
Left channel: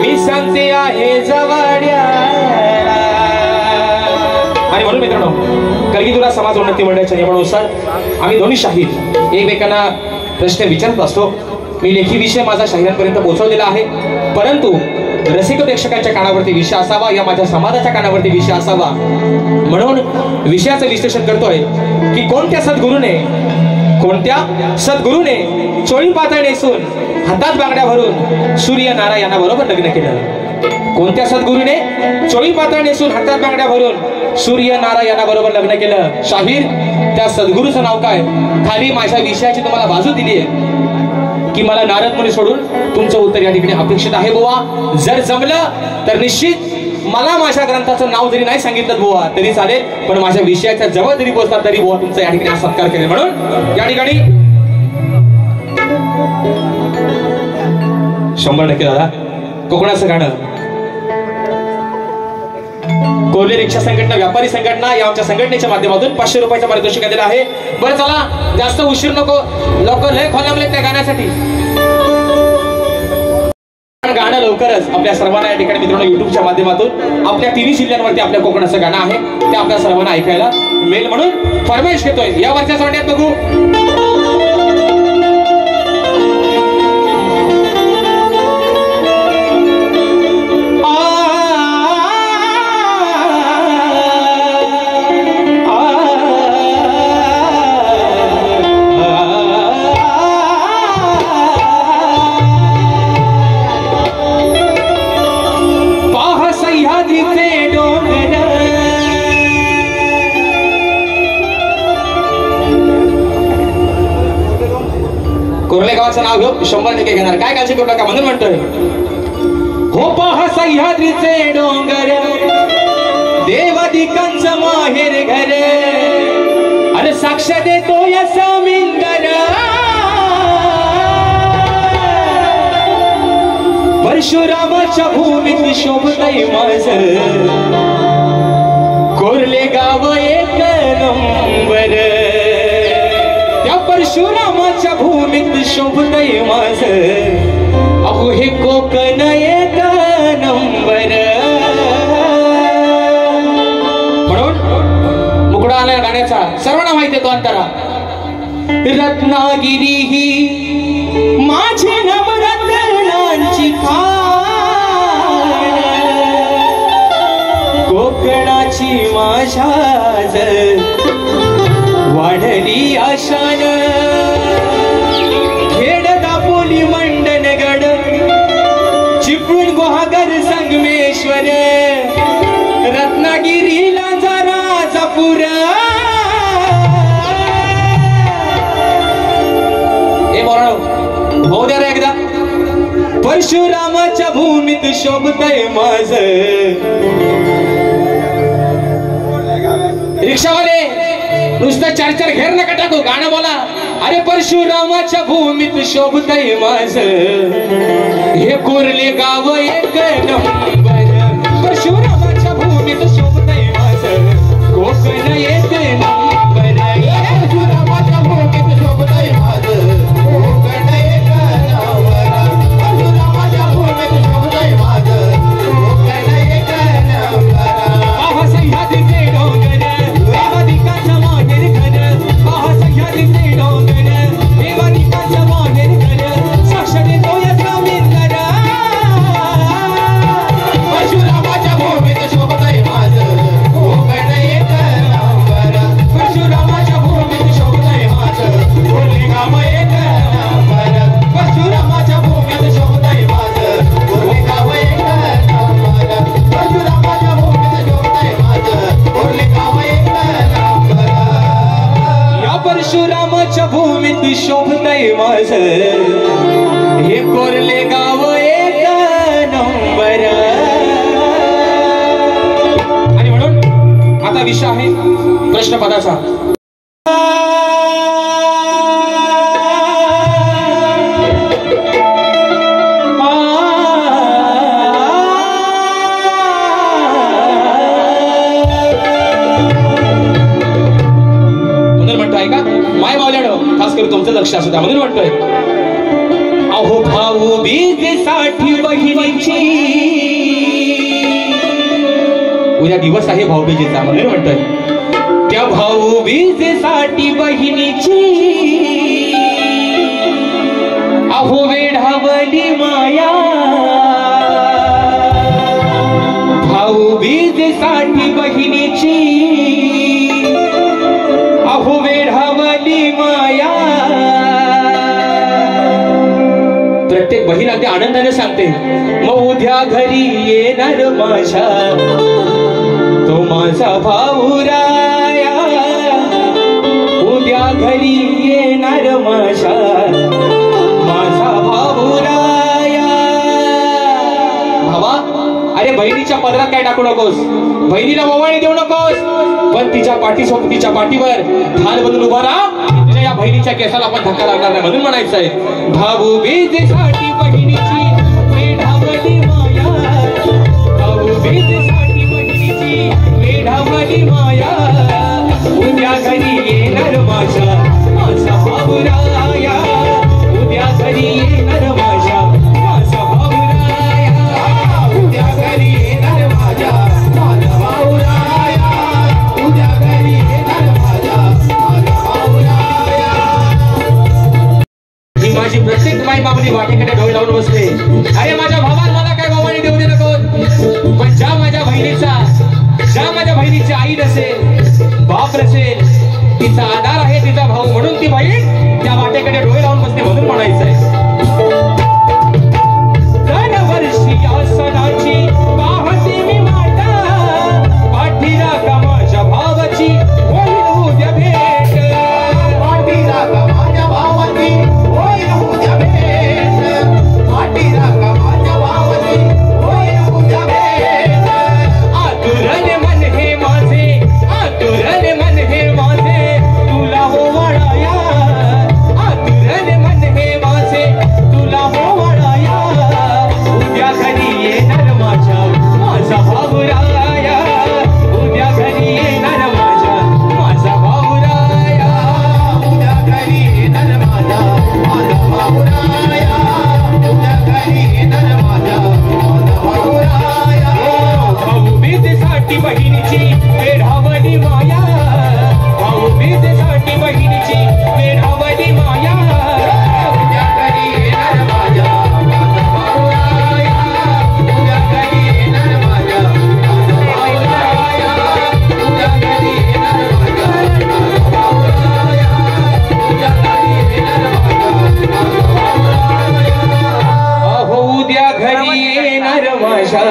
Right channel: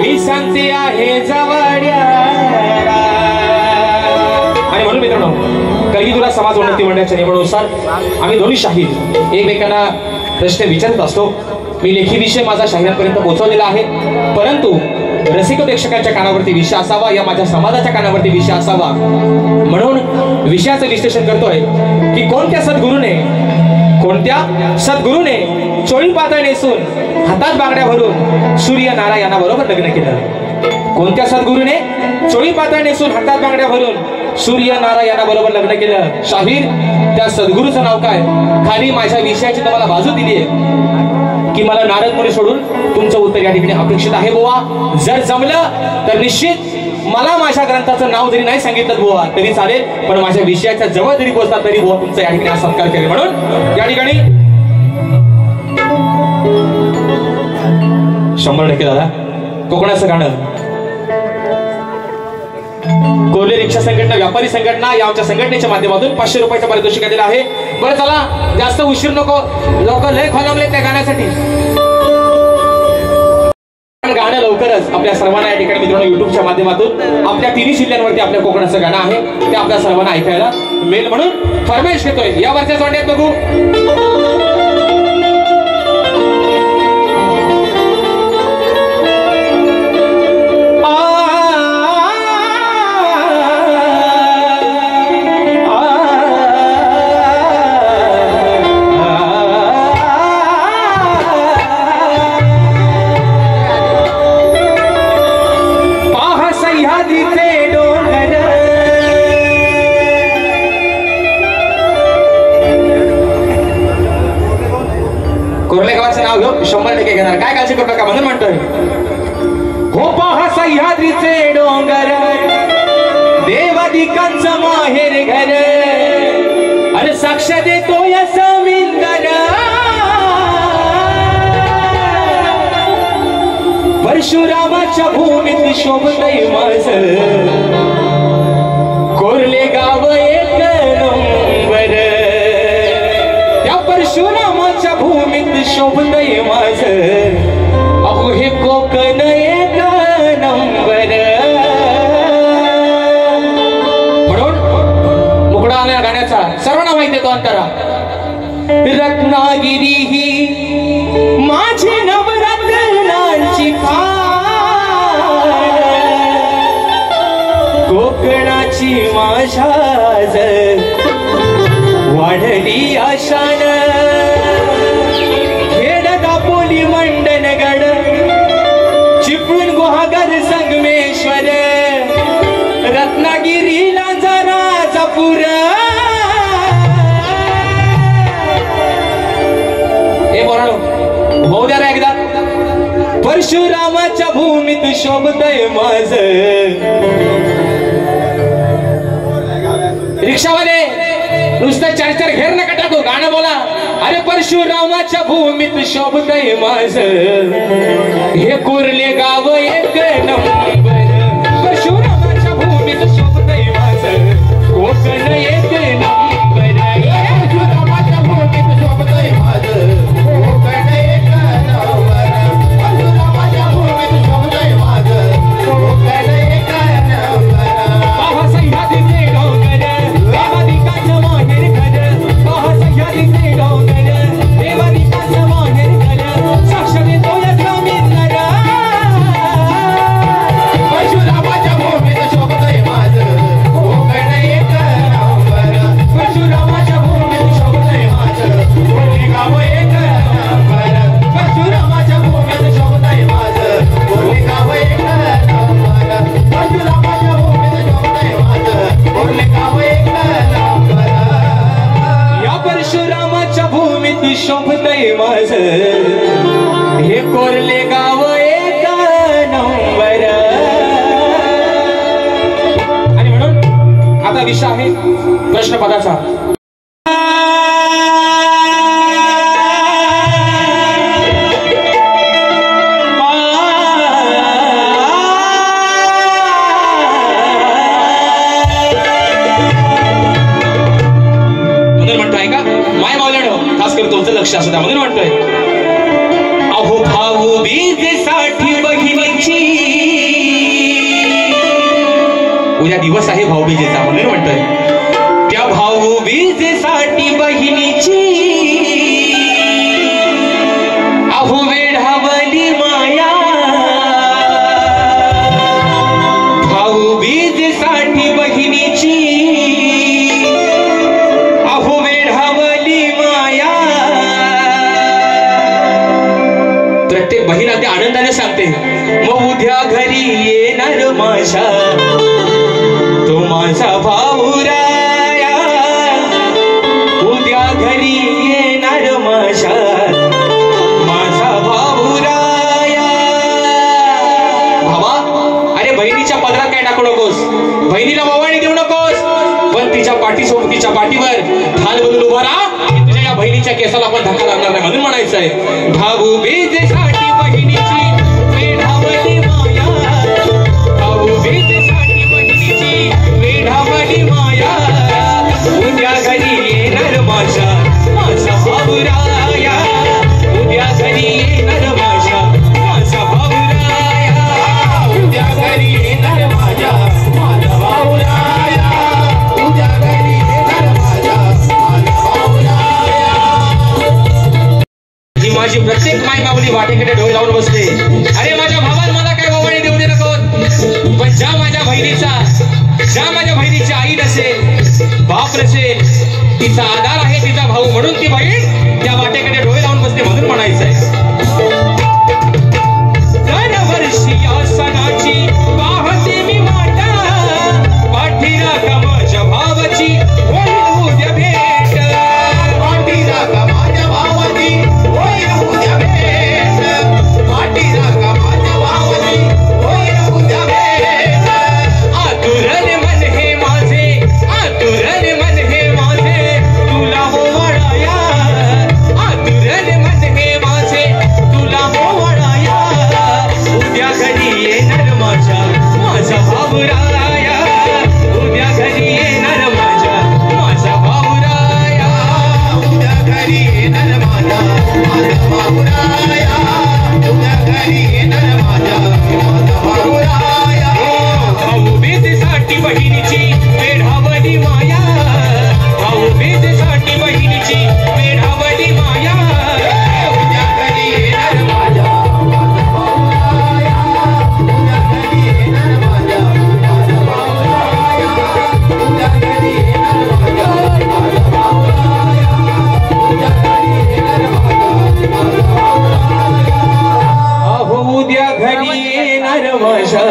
मी सांगते आहे जवाड्या. आणि म्हणून मित्रांनो, कलगीधुरा समाज उन्नती मंडळाच्या नियमानुसार आम्ही दोन्ही शाहीर एकमेकांना प्रश्न विचारत असतो. मी लेखी विषय माझा शाहिरांपर्यंत पोहोचवलेला आहे, परंतु रसिक प्रेक्षकांच्या कानावरती विषय असावा, या माझ्या समाजाच्या कानावरती विषय असावा, म्हणून विषयाचं विश्लेषण करतोय की कोणत्या सद्गुरूने कोणत्या सद्गुरूने चोळी पातळ नेसून हातात बांगड्या भरून सूर्यनारायणा बरोबर लग्न केलं? कोणत्या सद्गुरूने चोळी पातळ नेसून हातात बांगड्या भरून सूर्यनारायणा बरोबर लग्न केलं? शाहीर, त्या सद्गुरूचं नाव काय? खाली माझ्या विषयाची तुम्हाला बाजू दिली आहे की मला नारद मुनी सोडून तुमचं उत्तर या ठिकाणी अपेक्षित आहे बुवा. जर जमलं तर निश्चित मला माझ्या ग्रंथाचं नाव जरी नाही सांगितलं बुवा तरी चालेल, पण माझ्या विषयाच्या जवळ जरी पोहोचला तरी बुवा तुमचा या ठिकाणी सत्कार केले. म्हणून या ठिकाणी 100% दादा कोकणाचं गाणं कोल्हे रिक्षा संघटना, व्यापारी संघटना या आमच्या संघटनेच्या माध्यमातून 500 रुपयाचं पारितोषिक दिलेलं आहे. बरं चला, जास्त उशीर नको, लोक लय खोलावले त्या गाण्यासाठी. गाणं लवकरच आपल्या सर्वांना या ठिकाणी मित्रांनो युट्यूबच्या माध्यमातून आपल्या 3 जिल्ह्यांवरती आपल्या कोकणाचं गाणं आहे ते आपल्या सर्वांना ऐकायला मिळेल म्हणून फरमाईश घेतोय. या वरच्या जोड्यात बघू. कोरलेगावाचं नाव घेऊ 100% घेणार, काय काळजी करू नका म्हणून म्हणतोय. हो पहा सह्याद्रीचे डोंगर, देवादिकांचं माहेर घर, अरे साक्ष देतो या समिंदर, परशुरामाच्या भूमीत शोभतय माझं कोरले गाव एक नंबर, त्या परशुरामाच्या भूमीत शोभतय माझं अहो हे कोकण एक नंबर. म्हणून मुकडा आला गाण्याचा सर्वांना माहिती आहे तो अंतरा. रत्नागिरी ही माझी नवरत्नांची खाण, कोकणाची माझ्याज वाढली आशान, खेड दापोली मंडणगड चिपळूण गुहागर संगमेश्वर, रत्नागिरीला राजापूर. हे बोलाडो भाऊ द्या रे एकदा. परशुरामाच्या भूमीत शोभतय माझं. रिक्षावाले नुसतं 4-4 घेर नका टाकू, गाणं बोला. अरे परशुरामाच्या भूमीत शोभतय माझं हे कोरले गाव एक नंबर, परशुरामाच्या भूमीत शोभतय माझं कोकण एक नंबर, परशुरामाच्या भूमीत शोभतय माझं कोकण एक नंबर, परशुरामाच्या भूमीत शोभतय माझं कोकण एक नंबर. आहा सह्याद्रीचे डोंगर, देवादिकांचं माहेर घर, आहा सह्याद्रीचे डोंगर, देवादिकांचं माहेर घर, साक्ष देतो या समिंदर, परशुरामाच्या भूमीत शोभतय माझं कोकण एक नंबर, परशुरामाच्या भूमीत शोभतय माझं कोरले गाव एक नंबर, परशुरामाच्या भूमीत शोभतय माझं कोरले गाव एक नंबर, परशुरामाच्या भूमीत शोभतय माझं कोरले गाव एक नंबर. या परशुरामाच्या भूमीत शोभतय माझं हे कोरले गाव एक नंबर. आणि म्हणून आता विषय आहे प्रश्नपदाचा. माय मावल्यानं खास करून तुमचं लक्ष असू द्या म्हणून म्हणतोय. अहो भाऊ बीजेसाठी बहिणीची, उद्या दिवस आहे भाऊबीजेचा म्हणून म्हणतोय. त्या भाऊबीजेसाठी बहिणीची अहो वेढावली माया, भाऊबीजेसाठी बहिणीची अहो वेढावली माया, माझा भाऊराया उद्या घरी येणार माझ्या माझा भाऊराया. भावा, अरे बहिणीच्या पदरात काय टाकू नकोस, बहिणीला ओवाळणी देऊ नकोस, पण तिच्या पाठीसोबतीच्या पाठीवर ढाल बोलून उभा राहा. तुझ्या या बहिणीच्या केसाला आपण धक्का लागणार नाही म्हणून म्हणायचंय. भाऊ बीजेसाठी बहिणीची वेढावली माया, भाऊ बीजेसाठी बहिणीची वेढावली माया, उद्या घरी येणार माझ्या माझा भाऊराया, उद्या घरी येणार माझ्या माझा भाऊराया, उद्या घरी येणार माझ्या माझा भाऊराया, उद्या घरी येणार माझ्या माझा भाऊराया. ही माझी प्रत्येक माई माऊली वाटेकडे डोळे लावून बसते. अरे माझ्या भावाला मला काय ओवाळणी देऊ दे नको, पण ज्या माझ्या बहिणीची आई नसेल, बाप नसेल, तिचा आधार आहे तिचा भाऊ, म्हणून ती बहीण त्या वाटेकडे डोळे लावून बसते म्हणून म्हणायचंय. दरवर्षी या सणाची पाहते मी वाटा, पाठीला का माझ्या भावाची होईल उद्या भेट, पाठीला का माझ्या भावाची होईल उद्या भेट, पाठीला का माझ्या भावाची होईल उद्या भेट. आतुरले मन हे माझे, आतुरले मन हे माझे, तुला ओवाळाया, आतुरले मन हे माझे, तुला ओवाळाया, उद्या घरी येणार माझ्या माझा भाऊराया, उद्या घरी येणार माझ्या माझा भाऊराया, उद्या घरी येणार माझा माझा भाऊराया, उद्या घरी येणार माझ्या माझा भाऊराया. भाऊ बीजेसाठी बहिणीची वेढावली माया, भाऊ बीजेसाठी बहिणीची वेढावली माया, उद्या घरी येणार माझ्या माझा भाऊराया, उद्या घरी येणार माझ्या माझा भाऊराया, उद्या घरी येणार माझ्या माझा भाऊराया, उद्या घरी येणार माझ्या माझा भाऊराया. अहो उद्या घरी येणार माझ्या